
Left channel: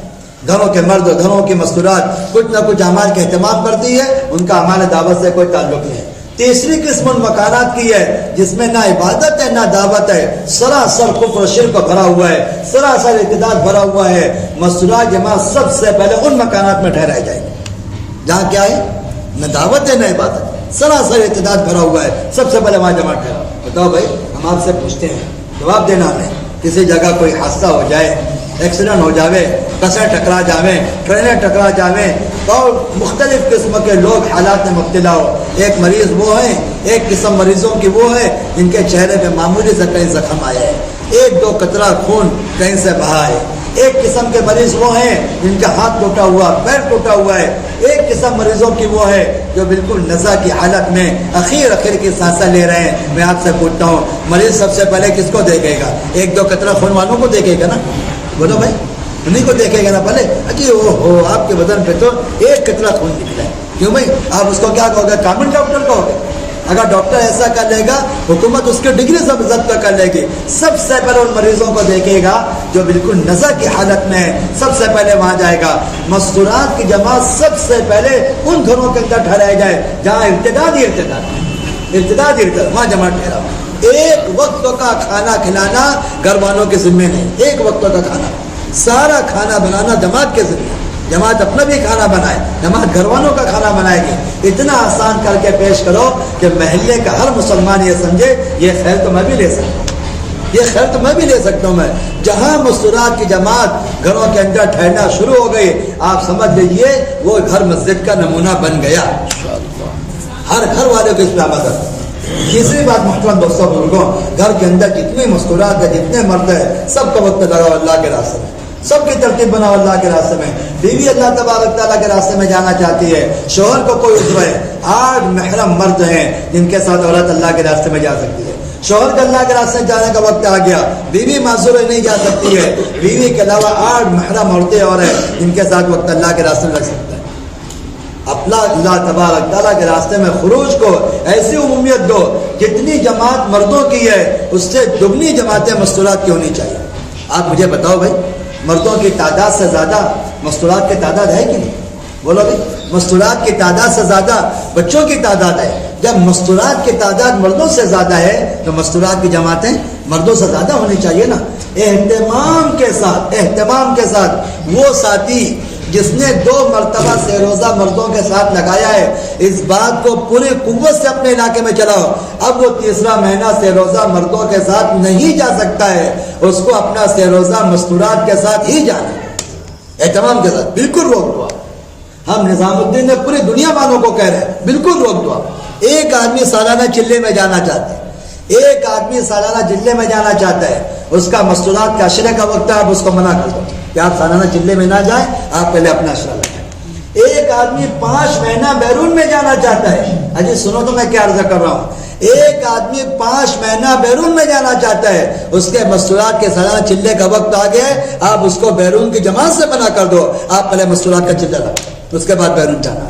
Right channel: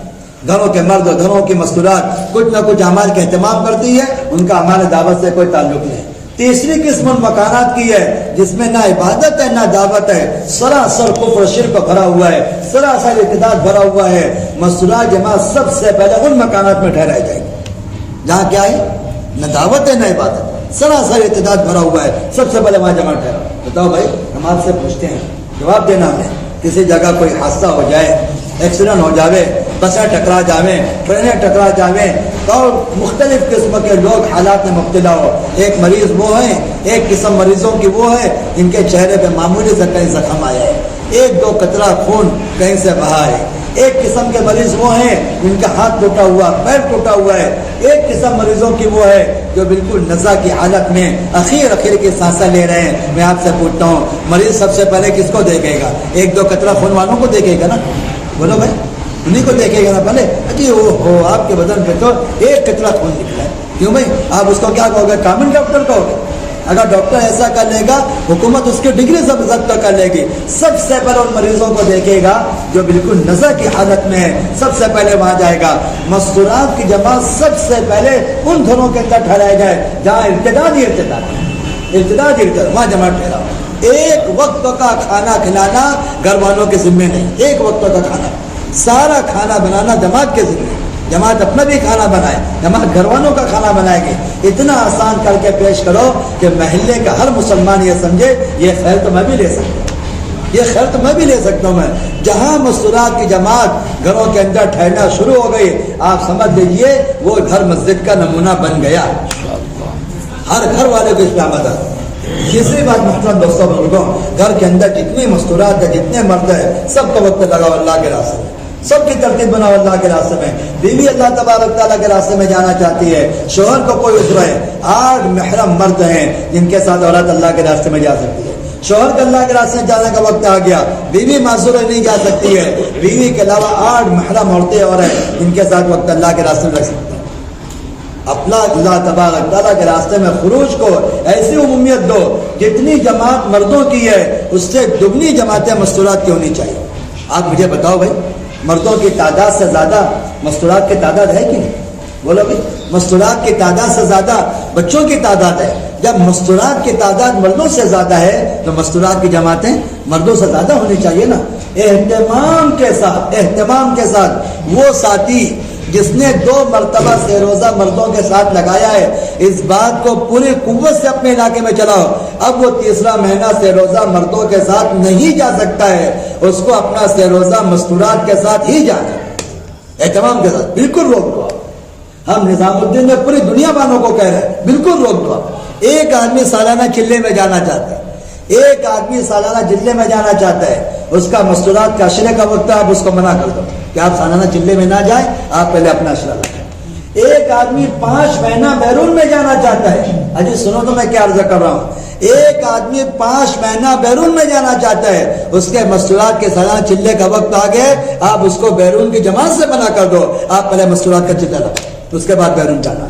گھروں کے مرد اور گھروں کی مستورات کچھ نہ کچھ اعمال کا اہتمام کرتی ہے، ان کا اعمال دعوت سے کوئی تعلق نہیں۔ تیسری قسم ان مکانات کی ہے جس میں نہ عبادت ہے نہ دعوت ہے، سراسر کفر و شرک بھرا ہوا ہے، سراسر ارتداد بھرا ہوا ہے۔ مستورات جماعت سب سے پہلے ان مکانات میں ٹھہرائی جائے گی جہاں کیا ہے، نہ دعوت ہے نہ عبادت، سراسر ارتداد بھرا ہوا ہے، سب سے پہلے وہاں جماعت ٹھہرا۔ بتاؤ بھائی، ہم آپ سے پوچھتے ہیں، جواب دینا ہمیں، کسی جگہ کوئی حادثہ ہو جائے، ایکسیڈنٹ ہو جاوے، بسیں ٹکرا جاویں، ٹرینیں ٹکرا جاویں اور مختلف قسم کے لوگ حالات میں مبتلا ہو، ایک مریض وہ ہیں، ایک قسم مریضوں کی وہ ہے جن کے چہرے پہ معمولی سے کہیں زخم آیا ہے، 1-2 قطرہ خون کہیں سے بہا ہے، ایک قسم کے مریض وہ ہیں جن کا ہاتھ ٹوٹا ہوا، پیر ٹوٹا ہوا ہے، ایک قسم مریضوں کی وہ ہے جو بالکل نزا کی حالت میں اخیر کی سانسیں لے رہے ہیں۔ میں آپ سے پوچھتا ہوں، مریض سب سے پہلے کس کو دیکھے گا؟ 1-2 قطرہ خون والوں کو دیکھے گا نا؟ بولو بھائی، انہیں کو دیکھے گا نا پہلے؟ جی وہ آپ کے بدن پہ تو 1 قطرہ خون نکلا ہے، کیوں بھائی؟ آپ اس کو کیا کہو گے؟ کامن ڈاکٹر کہو گے؟ اگر ڈاکٹر ایسا کر لے گا، حکومت اس کی ڈگری ضبط کر لے گی۔ سب سے پہلے ان مریضوں کو دیکھے گا جو بالکل نزع کی حالت میں ہے، سب سے پہلے وہاں جائے گا۔ مستورات کی جماعت سب سے پہلے ان گھروں کے اندر ٹھہرائے جائے جہاں ارتداد وہاں جماعت ٹھہرا۔ ایک وقت کا کھانا کھلانا گھر والوں کے ذمے نہیں، ایک وقت کا کھانا، سارا کھانا بنانا جماعت کے ذمے۔ جماعت اپنا بھی کھانا بنائے، جماعت گھر والوں کا کھانا بنائے گی۔ اتنا آسان کر کے پیش کرو کہ محلے کا ہر مسلمان یہ سمجھے یہ خیر تو میں بھی لے سکتا ہوں، یہ خیر تو میں بھی لے سکتا ہوں۔ میں جہاں مستورات کی جماعت گھروں کے اندر ٹھہرنا شروع ہو گئی، آپ سمجھ لیجیے وہ گھر مسجد کا نمونہ بن گیا۔ ہر گھر والے کو اس پہ آمادہ۔ تیسری بات محترم دوستوں بزرگوں، گھر کے اندر جتنی مستورات ہے، جتنے مرد ہے، سب کا وقت لگاؤ اللہ کے راستے میں، سب کی ترتیب بناؤ اللہ کے راستے میں۔ بیوی اللہ تبارک تعالیٰ کے راستے میں جانا چاہتی ہے، شوہر کو کوئی عذر ہے، 8 محرم مرد ہیں جن کے ساتھ عورت اللہ کے راستے میں جا سکتی ہے۔ شوہر کا اللہ کے راستے میں جانے کا وقت آ گیا، بیوی معذور نہیں جا سکتی ہے، بیوی کے علاوہ 8 محرم عورتیں اور ہیں جن کے ساتھ وقت اللہ کے راستے میں رکھ سکتا ہے۔ اپنا اللہ تبارک تعالیٰ کے راستے میں خروج کو ایسی عمومیت دو، جتنی جماعت مردوں کی ہے اس سے دگنی جماعتیں مستورات کی ہونی چاہیے۔ آپ مجھے بتاؤ بھائی، مردوں کی تعداد سے زیادہ مستورات کی تعداد ہے کہ نہیں؟ بولو بھی، مستورات کی تعداد سے زیادہ بچوں کی تعداد ہے۔ جب مستورات کی تعداد مردوں سے زیادہ ہے تو مستورات کی جماعتیں مردوں سے زیادہ ہونی چاہیے نا۔ اہتمام کے ساتھ وہ ساتھی جس نے 2 مرتبہ سے روزہ مردوں کے ساتھ لگایا ہے، اس بات کو پوری قوت سے اپنے علاقے میں چلاؤ۔ اب وہ تیسرا مہینہ سے روزہ مردوں کے ساتھ نہیں جا سکتا ہے، اس کو اپنا سے روزہ مستورات کے ساتھ ہی جانا ہے، اہتمام کے ساتھ۔ بالکل روک دو۔ ہم نظام الدین نے پوری دنیا والوں کو کہہ رہے ہیں بالکل روک دو۔ ایک آدمی سالانہ چلے میں جانا چاہتا ہے، ایک آدمی سالانہ چلے میں جانا چاہتا ہے، اس کا مستورات کا اشرے کا وقت ہے، آپ اس کو منع کر دو کہ آپ سالانہ چلے میں نہ جائیں، آپ پہلے اپنا اشرا لگائیں۔ ایک آدمی 5 مہینہ بیرون میں جانا چاہتا ہے، اجی سنو تو میں کیا عرض کر رہا ہوں، ایک آدمی 5 مہینہ بیرون میں جانا چاہتا ہے، اس کے مستورات کے سالانہ چلے کا وقت آ گیا، آپ اس کو بیرون کی جماعت سے منع کر دو، آپ پہلے مستورات کا چلے لگائیں، اس کے بعد بیرون جانا۔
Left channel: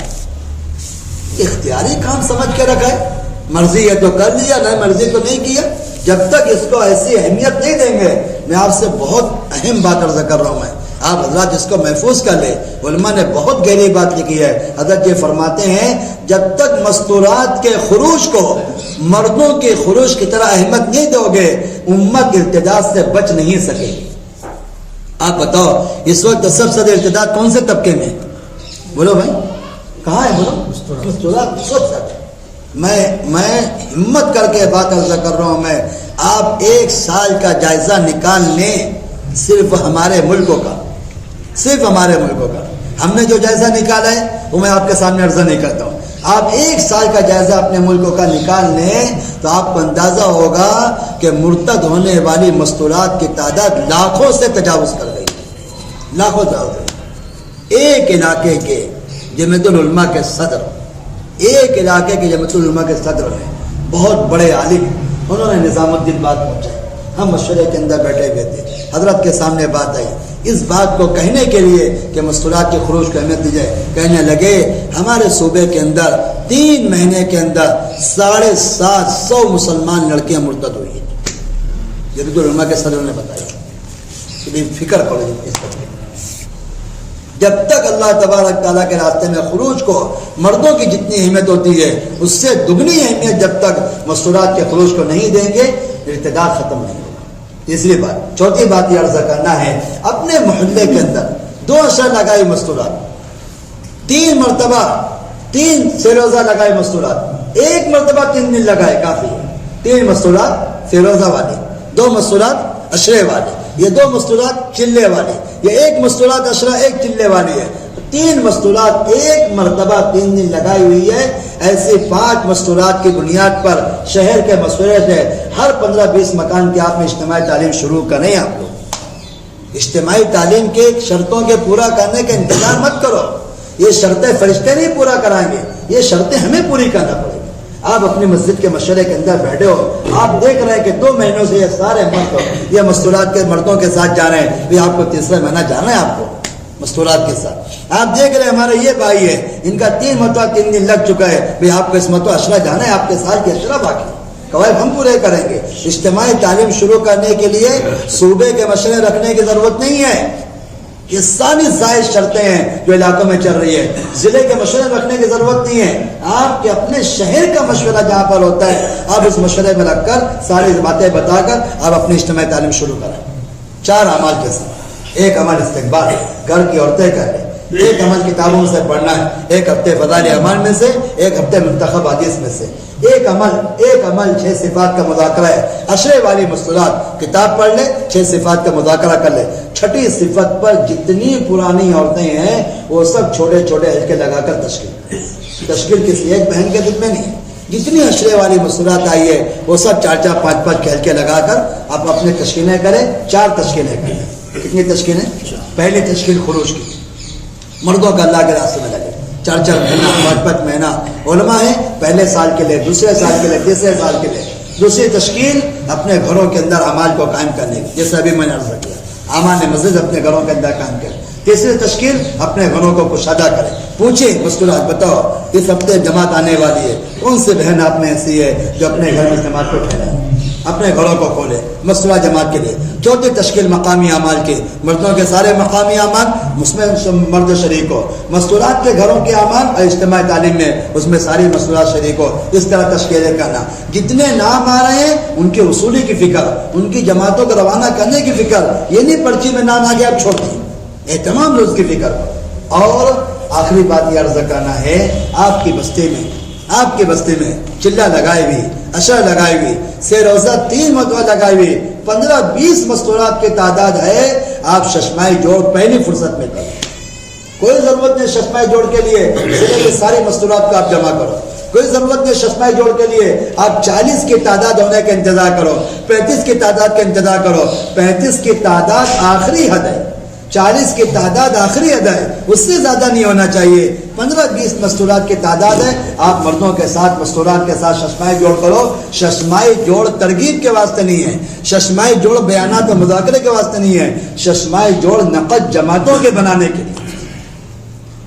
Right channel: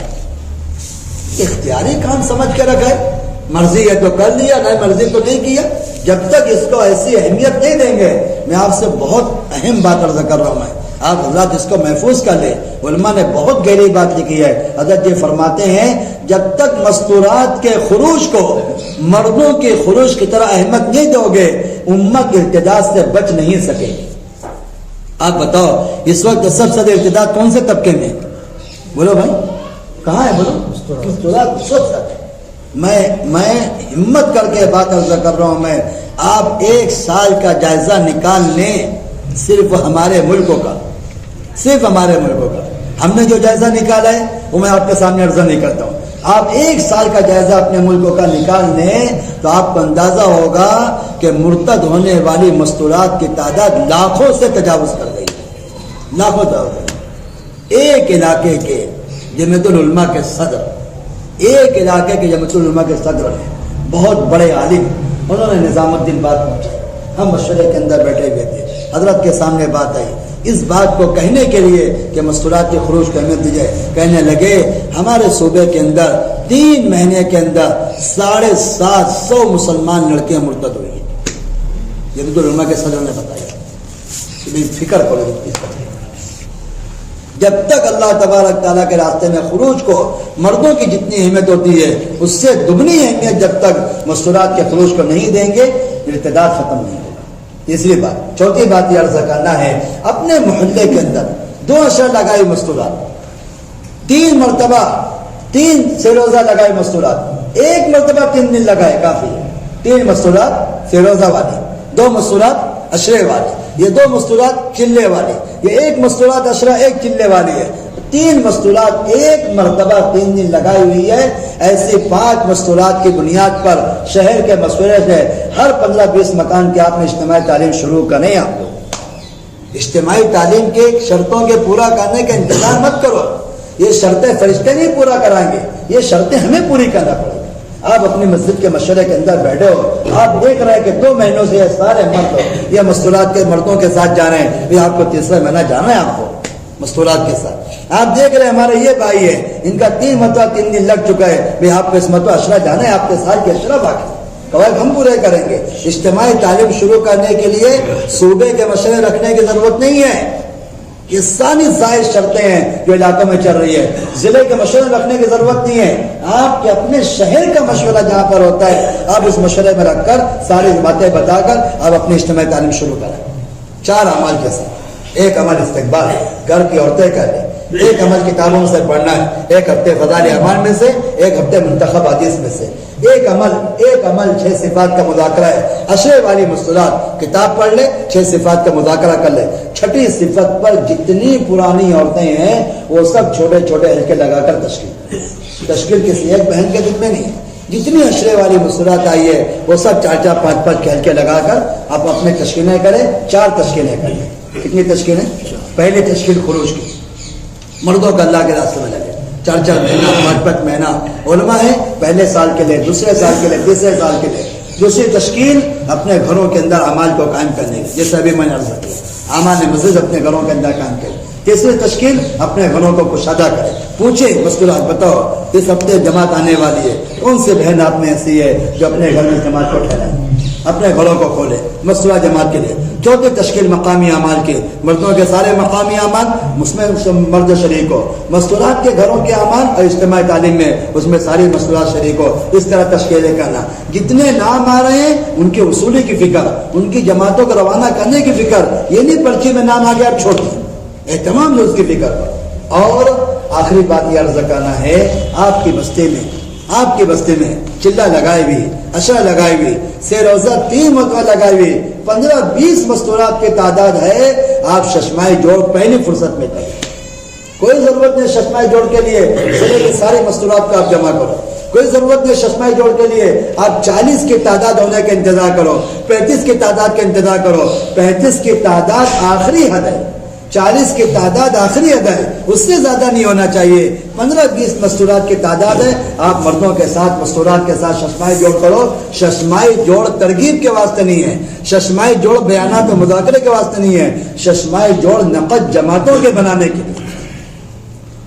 اختیاری کام سمجھ کے رکھا ہے، مرضی ہے تو کر لیا، نہیں مرضی تو نہیں کیا. جب تک اس کو ایسی اہمیت نہیں دیں گے، میں آپ سے بہت اہم بات عرض کر رہا ہوں، میں آپ حضرات اس کو محفوظ کر لیں. علماء نے بہت گہری بات لکھی ہے. حضرت یہ فرماتے ہیں جب تک مستورات کے خروج کو مردوں کے خروج کی طرح اہمیت نہیں دو گے، امت ارتداد سے بچ نہیں سکے گی. آپ بتاؤ اس وقت سب سے ارتداد کون سے طبقے میں؟ بولو بھائی کہاں ہے؟ بولو مستورات سب تک. میں ہمت کر کے بات عرض کر رہا ہوں. میں آپ 1 سال کا جائزہ نکال لیں صرف ہمارے ملکوں کا، صرف ہمارے ملکوں کا. ہم نے جو جائزہ نکالا ہے وہ میں آپ کے سامنے عرض نہیں کرتا ہوں. آپ 1 سال کا جائزہ اپنے ملکوں کا نکال لیں تو آپ کو اندازہ ہوگا کہ مرتد ہونے والی مستورات کی تعداد لاکھوں سے تجاوز کر گئی، لاکھوں تجاوز کر گئی. ایک علاقے کے جمعیت العلماء کے صدر، ایک علاقے کے جمعیت العلماء کے صدر ہیں، بہت بڑے عالم، انہوں نے نظام الدین بات پہنچائی. ہم مشورے کے اندر بیٹھے ہوئے تھے، حضرت کے سامنے بات آئی. اس بات کو کہنے کے لیے کہ مستورات کے خروج کو اہمیت دی جائے، کہنے لگے ہمارے صوبے کے اندر 3 مہینے کے اندر 750 مسلمان لڑکیاں مرتد ہوئی. جمعیت العلماء کے صدر نے بتایا کہ فکر کرو اس پر. جب تک اللہ تبارک تعالیٰ کے راستے میں خروج کو مردوں کی جتنی اہمیت ہوتی ہے اس سے دگنی اہمیت جب تک مستورات کے خروج کو نہیں دیں گے ارتداد ختم نہیں ہوگا. تیسری بات، چوتھی بات یہ عرض کرنا ہے، اپنے محلے کے اندر 2 اشر لگائی مستورات، 3 مرتبہ 3 فیروزہ لگائے مستورات، 1 مرتبہ 3 دن لگائے کافی ہے. 3 مستورات فیروزہ والے، 2 مستورات اشرے والے، یہ 2 مستورات چلے والے، یہ 1 مستورات اشرہ 1 چلے والی ہے. 3 مستورات 1 مرتبہ 3 دن لگائی ہوئی ہے. ایسی 5 مستورات کی بنیاد پر شہر کے مشورے سے ہر 15-20 مکان کے آپ میں اجتماعی تعلیم شروع کریں. آپ کو اجتماعی تعلیم کے شرطوں کے پورا کرنے کا انتظار مت کرو. یہ شرطیں فرشتے نہیں پورا کرائیں گے، یہ شرطیں ہمیں پوری کرنا پڑے گی. آپ اپنی مسجد کے مشورے کے اندر بیٹھے ہو، آپ دیکھ رہے ہیں کہ 2 مہینوں سے یہ سارے مرد یہ مستورات کے مردوں کے ساتھ جا رہے ہیں، یہ آپ کو تیسرا مہینہ جانا ہے آپ کو مستورات کے ساتھ. آپ دیکھ رہے ہیں ہمارے یہ بھائی ہے، ان کا 3 مرتبہ 3 دن لگ چکا ہے، آپ کو اس مرتبہ اشرہ جانا ہے، آپ کے سال کے اشرہ باقی قواعد ہم پورے کریں گے. اجتماعی تعلیم شروع کرنے کے لیے صوبے کے مشورے رکھنے کی ضرورت نہیں ہے. یہ ساری زائد شرطیں ہیں جو علاقوں میں چل رہی ہے. ضلع کے مشورے رکھنے کی ضرورت نہیں ہے. آپ کے اپنے شہر کا مشورہ جہاں پر ہوتا ہے آپ اس مشورے میں رکھ کر ساری باتیں بتا کر آپ اپنی اجتماعی تعلیم شروع کریں. 4 اعمال کے ساتھ. 1 عمل استقبال، گھر کی عورتیں کریں. 1 عمل کتابوں سے پڑھنا ہے، 1 ہفتے فضائل اعمال میں سے، 1 ہفتے منتخب حدیث میں سے. 1 عمل 6 صفات کا مذاکرہ ہے. اشرے والی مستورات کتاب پڑھ لے، 6 صفات کا مذاکرہ کر لے. 6ٹھی صفت پر جتنی پرانی عورتیں ہیں وہ سب چھوٹے چھوٹے ہلکے لگا کر تشکیل کسی ایک بہن کے دل میں نہیں ہے. جتنی اشرے والی مستورات آئی ہے وہ سب 4-4 5-5 ہلکے لگا کر آپ اپنے تشکیلیں کریں. 4 تشکیلیں کریں. کتنی تشکیلیں؟ پہلی تشکیل خروج کی، مردوں کا اللہ کے راستے میں لگے. 4-4 مہینہ 5-5 مہینہ علماء ہے، پہلے سال کے لیے، دوسرے سال کے لیے، تیسرے سال کے لیے. دوسری تشکیل اپنے گھروں کے اندر اعمال کو قائم کرنے کی، جیسے ابھی میں نے عرض کیا اعمال مسجد اپنے گھروں کے اندر قائم کرے. تیسری تشکیل اپنے گھروں کو کشادہ کرے. پوچھے مستورات بتاؤ اس ہفتے جماعت آنے والی ہے، کون سی بہن آپ میں ایسی ہے جو اپنے گھر میں جماعت کو پھیلائے، اپنے گھروں کو کھولے مستورہ جماعت کے لیے. چوتھی تشکیل مقامی اعمال کی، مردوں کے سارے مقامی اعمال اس میں مرد شریک ہو. مستورات کے گھروں کے اعمال اور اجتماعی تعلیم میں اس میں ساری مستورات شریک ہو. اس طرح تشکیلیں کرنا. جتنے نام آ رہے ہیں ان کے اصولی کی فکر، ان کی جماعتوں کو روانہ کرنے کی فکر، یہ نہیں پرچی میں نام آ گیا اب چھوڑ دیں، تمام لوگ کی فکر. اور آخری بات یہ عرض کرنا ہے، آپ کی بستی میں چلہ لگائے ہوئی، اشر لگائے ہوئی، سے روزہ 3 مرتبہ لگائے ہوئی 15-20 مستورات کی تعداد ہے. آپ ششمائی جوڑ پہلی فرصت میں کریں. کوئی ضرورت نہیں ششمائی جوڑ کے لیے ضلع کی ساری مستورات کو آپ جمع کرو. کوئی ضرورت نہیں ششمائی جوڑ کے لیے آپ 40 کی تعداد ہونے کا انتظار کرو، 35 کی تعداد کا انتظار کرو. 35 کی تعداد آخری حد ہے، 40 کی تعداد آخری حد ہے، اس سے زیادہ نہیں ہونا چاہیے. 15-20 مستورات کی تعداد ہے. آپ مردوں کے ساتھ مستورات کے ساتھ ششمائی جوڑ کرو. ششمائی جوڑ ترغیب کے واسطے نہیں ہے، ششمائی جوڑ بیانات و مذاکرے کے واسطے نہیں ہے. ششمائی جوڑ نقد جماعتوں کے بنانے کے لیے،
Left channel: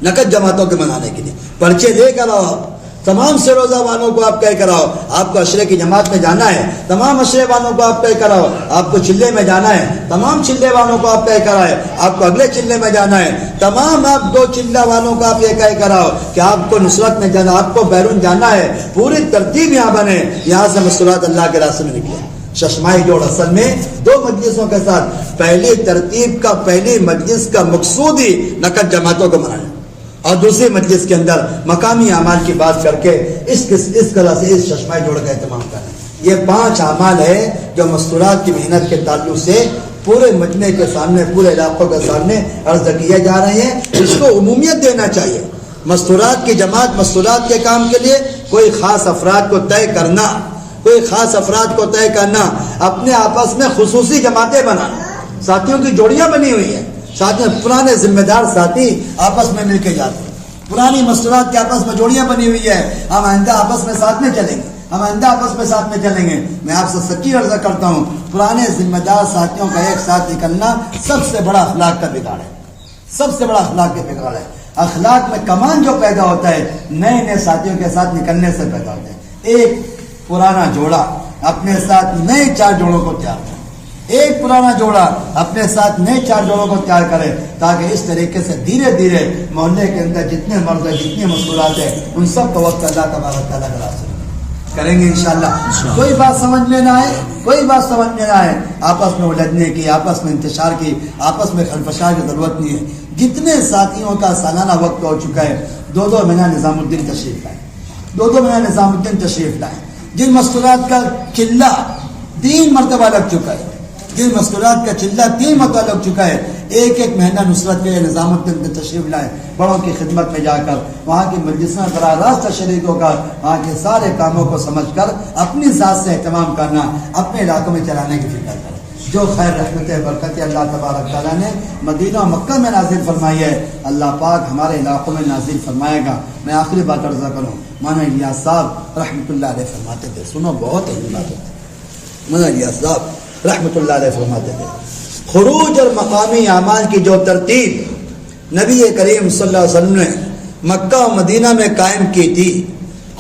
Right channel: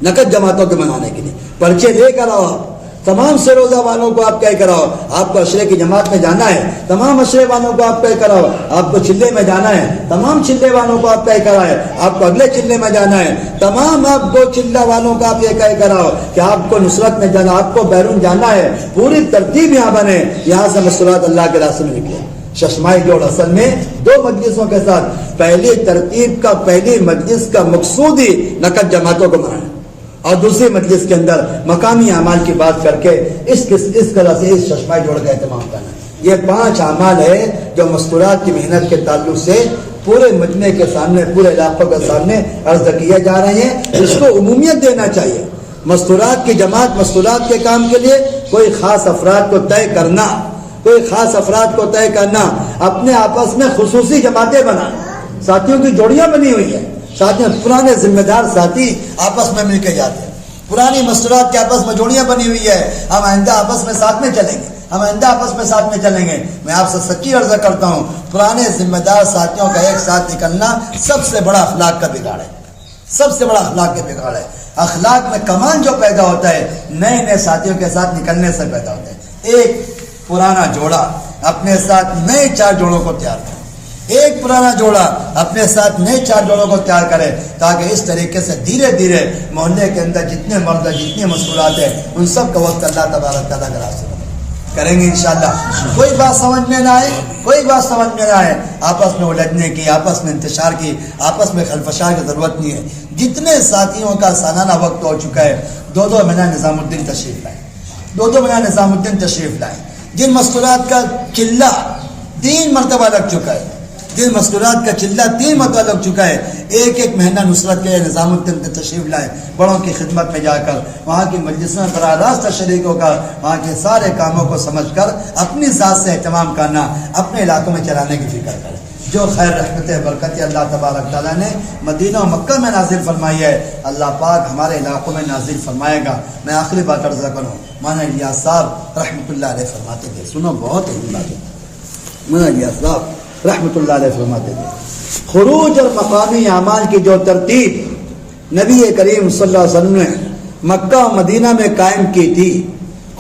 نقد جماعتوں کے بنانے کے لیے. پرچے لے کر آؤ، تمام سے روزہ والوں کو آپ طے کراؤ، آپ کو عشرے کی جماعت میں جانا ہے، تمام عشرے والوں کو آپ طے کراؤ، آپ کو چلے میں جانا ہے، تمام چلے والوں کو آپ طے کرائے، آپ کو اگلے چلے میں جانا ہے، تمام آپ 2 چلہ والوں کو آپ یہ طے کراؤ کہ آپ کو نصرت میں جانا، آپ کو بیرون جانا ہے، پوری ترتیب یہاں بنے، یہاں سے مستورات اللہ کے راستے میں نکلے۔ چشمائی جوڑ اصل میں 2 مجلسوں کے ساتھ پہلی ترتیب کا پہلی مجلس کا مقصود ہی نقد جماعتوں کو منانا، اور دوسری مجلس کے اندر مقامی اعمال کی بات کر کے اس طرح سے اس چشمائی جوڑ کا اہتمام کرنا۔ یہ 5 اعمال ہے جو مستورات کی محنت کے تعلق سے پورے مجمع کے سامنے، پورے علاقوں کے سامنے عرض کیے جا رہے ہیں، اس کو عمومیت دینا چاہیے۔ مستورات کی جماعت مستورات کے کام کے لیے کوئی خاص افراد کو طے کرنا، کوئی خاص افراد کو طے کرنا، اپنے آپس میں خصوصی جماعتیں بنانا، ساتھیوں کی جوڑیاں بنی ہوئی ہیں، ساتھ میں پرانے ذمہ دار ساتھی آپس میں مل کے جاتے ہیں، پرانی مستورات کے آپس میں جوڑیاں بنی ہوئی ہے، ہم آئندہ آپس میں ساتھ میں چلیں گے، ہم آئندہ آپس میں ساتھ میں چلیں گے۔ میں آپ سے سچی عرض کرتا ہوں، پرانے ذمہ دار ساتھیوں کا ایک ساتھ نکلنا سب سے بڑا اخلاق کا بگاڑ ہے، سب سے بڑا اخلاق کا بگاڑ ہے۔ اخلاق میں کمان جو پیدا ہوتا ہے نئے نئے ساتھیوں کے ساتھ نکلنے سے پیدا ہوتا ہے۔ ایک پرانا جوڑا اپنے ساتھ نئے 4 جوڑوں کو تیار کرے، ایک پرانا جوڑا اپنے ساتھ نئے 4 جوڑوں کو تیار کرے، تاکہ اس طریقے سے دھیرے دھیرے محلے کے اندر جتنے مرد جتنے مشغولات ہیں ان سب کا وقت اللہ تبارک تعالیٰ کا راستہ کریں گے انشاءاللہ۔ کوئی بات سمجھ میں نہ آئے، کوئی بات سمجھ میں نہ آئے، آپس میں الجھنے کی، آپس میں انتشار کی، آپس میں خلفشار کی ضرورت نہیں ہے۔ جتنے ساتھیوں کا سالانہ وقت ہو چکا ہے، 2 مہینہ نظام الدین تشریف لائیں، 2 مہینہ نظام الدین تشریف لائیں۔ جن مستورات کا چلہ 3 مرتبہ لگ چکا ہے، جن مستورات کا چلہ 3 مرتبہ لگ چکا ہے، ایک مہینہ نصرت کے نظام الدین کے تشریف لائیں، بڑوں کی خدمت میں جا کر وہاں کی مجلسوں میں براہ راست شریک ہو کر وہاں کے سارے کاموں کو سمجھ کر اپنی ذات سے اہتمام کرنا، اپنے علاقوں میں چلانے کی فکر کریں۔ جو خیر رحمت برکت اللہ تبارک تعالیٰ نے مدینہ و مکہ میں نازل فرمائی ہے، اللہ پاک ہمارے علاقوں میں نازل فرمائے گا۔ میں آخری بات عرض کروں، مولانا الیاس صاحب رحمۃ اللہ علیہ فرماتے تھے، سنو بہت اہم بات ہے، مولانا الیاس صاحب رحمۃ اللہ علیہ فرماتے تھے، خروج اور مقامی اعمال کی جو ترتیب نبی کریم صلی اللہ علیہ وسلم نے مکہ و مدینہ میں قائم کی تھی،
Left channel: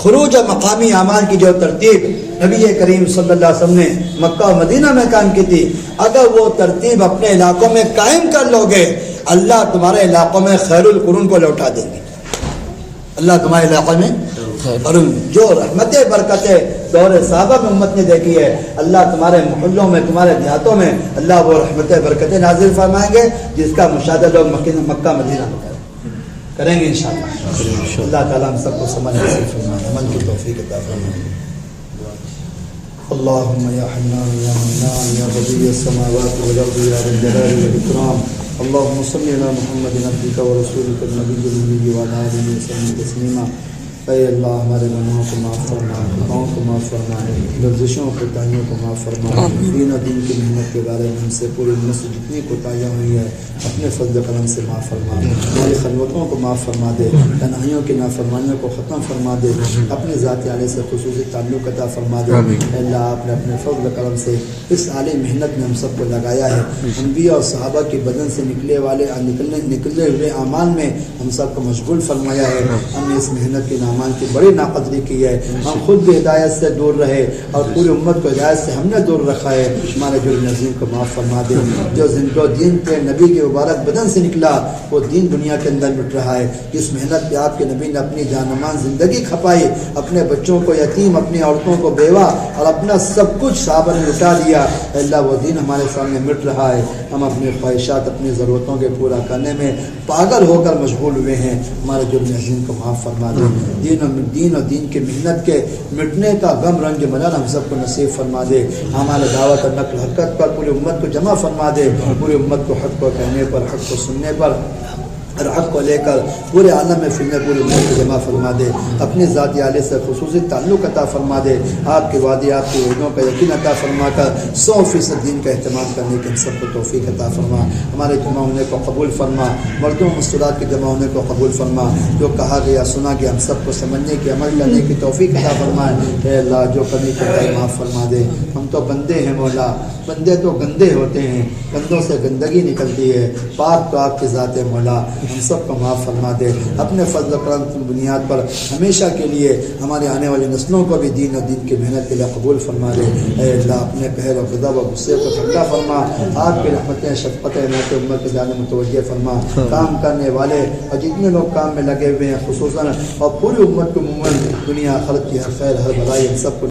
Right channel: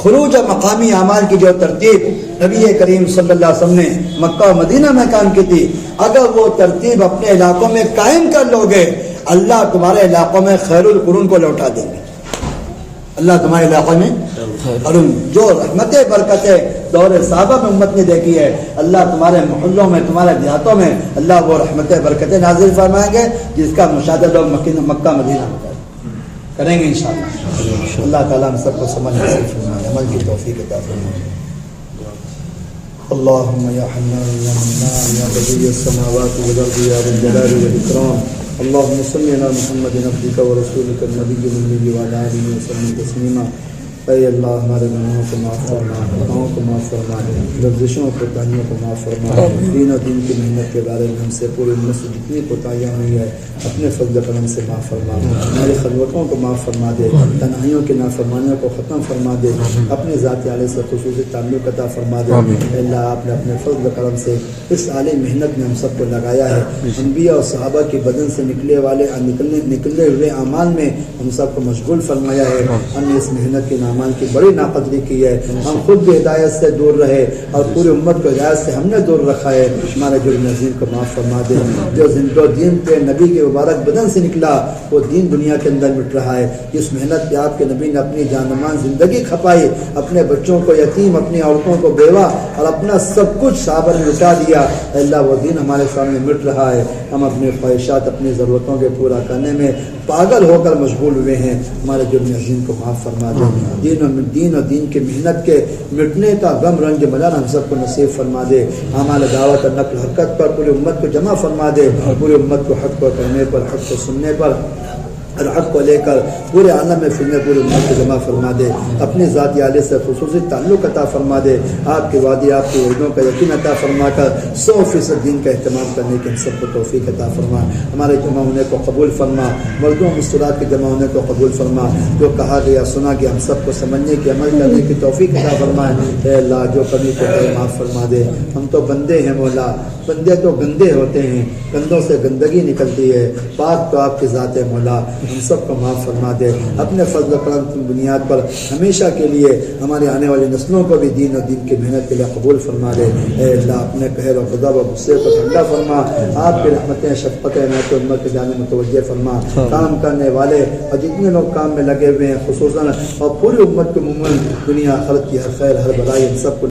خروج اور مقامی اعمال کی جو ترتیب نبی کریم صلی اللہ علیہ وسلم نے مکہ و مدینہ میں قائم کی تھی، اگر وہ ترتیب اپنے علاقوں میں قائم کر لو گے، اللہ تمہارے علاقوں میں خیر القرون کو لوٹا دے گے۔ اللہ تمہارے علاقوں میں جو رحمت برکت دور صحابہ میں امت نے دیکھی ہے، اللہ تمہارے محلوں میں، تمہارے دیہاتوں میں اللہ وہ رحمت برکتیں نازل فرمائیں گے جس کا مشاہدہ لوگ مکہ مدینہ میں کریں گے انشاءاللہ۔ اللہ تعالیٰ ہم سب کو سمجھ عمل کی توفیق عطا فرمائے۔ اللهم يا حنان يا منان يا بديع السماوات والارض يا ذا الجلال والاكرام، اللهم صل على محمد عبدك ورسولك النبي الامي وعلى اله وصحبه تسليما۔ اے اللہ ہمارے گناہوں کو معاف فرما، خطاؤں کو معاف فرما، لفظشوں کو کوتاہیوں کو معاف فرما، دین و دین کی محنت کے بارے میں ہم سے پوری امت سے جتنی کوتاہیاں ہوئی ہے اپنے فضل کرم سے معاف فرما، ہماری خلوتوں کو معاف فرما دے، تنہائیوں کی نافرمانیوں کو ختم فرما دے، اپنے ذات عالیہ سے خصوصی تعلق عطا فرما دے۔ اے اللہ آپ نے اپنے فضل کرم سے اس عالی محنت میں ہم سب کو لگایا ہے، انبیاء اور صحابہ کے بدن سے نکلے ہوئے اعمال میں ہم سب کو مشغول فرمایا ہے۔ ہم نے اس محنت کے اعمال کی بڑی ناقدری کی ہے، ہم خود بھی ہدایت سے دور رہے اور پوری امت کو ہدایت سے ہم نے دور رکھا ہے۔ ہمارے جرم عظیم کو معاف فرما دے۔ جو دین کے نبی کے مبارک بدن سے نکلا وہ دین دنیا کے اندر مٹ رہا ہے، جس محنت پہ آپ کے نبی نے اپنی جانمان زندگی کھپائی، اپنے بچوں کو یتیم، اپنی عورتوں کو بیوہ اور اپنا سب کچھ صحابہ نے لٹا دیا، اللہ وہ دین ہمارے سامنے مٹ رہا ہے۔ ہم اپنی خواہشات، اپنی ضرورتوں کے پورا کرنے میں پاگل ہو کر مشغول ہوئے ہیں، ہمارے جرم عظیم کو معاف فرما دے۔ دین اور دین کی محنت کے مٹنے کا غم رنج ملال ہم سب کو نصیب فرما دے۔ ہمارے دعوت اور نقل حرکت پر پوری امت کو جمع فرما دے، پوری امت کو حق کو کہنے پر، حق کو سننے پر اور حق کو لے کر پورے عالم میں پھرنے پوری امت کو جمع فرما دے۔ اپنی ذاتی عالیہ سے خصوصی تعلق عطا فرما دے، آپ کے وعدے، آپ کے وعدوں کا یقین عطا فرما کر 100% دین کا اہتمام کرنے کی ہم سب کو توفیق عطا فرما۔ ہمارے جمع ہونے کو قبول فرما، مردوں مستورات کے جمع ہونے کو قبول فرما، جو کہا گیا سنا گیا ہم سب کو سمجھنے کی، عمل کرنے کی توفیق عطا فرما۔ اے اللہ جو کمی کو معاف فرما دے، ہم تو بندے ہیں مولا، بندے تو گندے ہوتے ہیں، گندوں سے گندگی نکلتی ہے، پاک تو آپ کی ذات ہے مولا، ہم سب کو معاف فرما دے. اپنے فضل و کرم کی بنیاد پر ہمیشہ کے لیے ہمارے آنے والی نسلوں کو بھی دین اور دین کی محنت کے لیے قبول فرما دے. اے اللہ اپنے قہر و غضب و غصے کو ٹھنڈا فرما. آپ کی رحمتیں شفقتیں عنایت امت کی جانب متوجہ فرما. کام کرنے والے اور جتنے لوگ کام میں لگے ہوئے ہیں خصوصاً اور پوری امت کو عموماً دنیا آخرت کی ہر خیر ہر بھلائی ان سب کو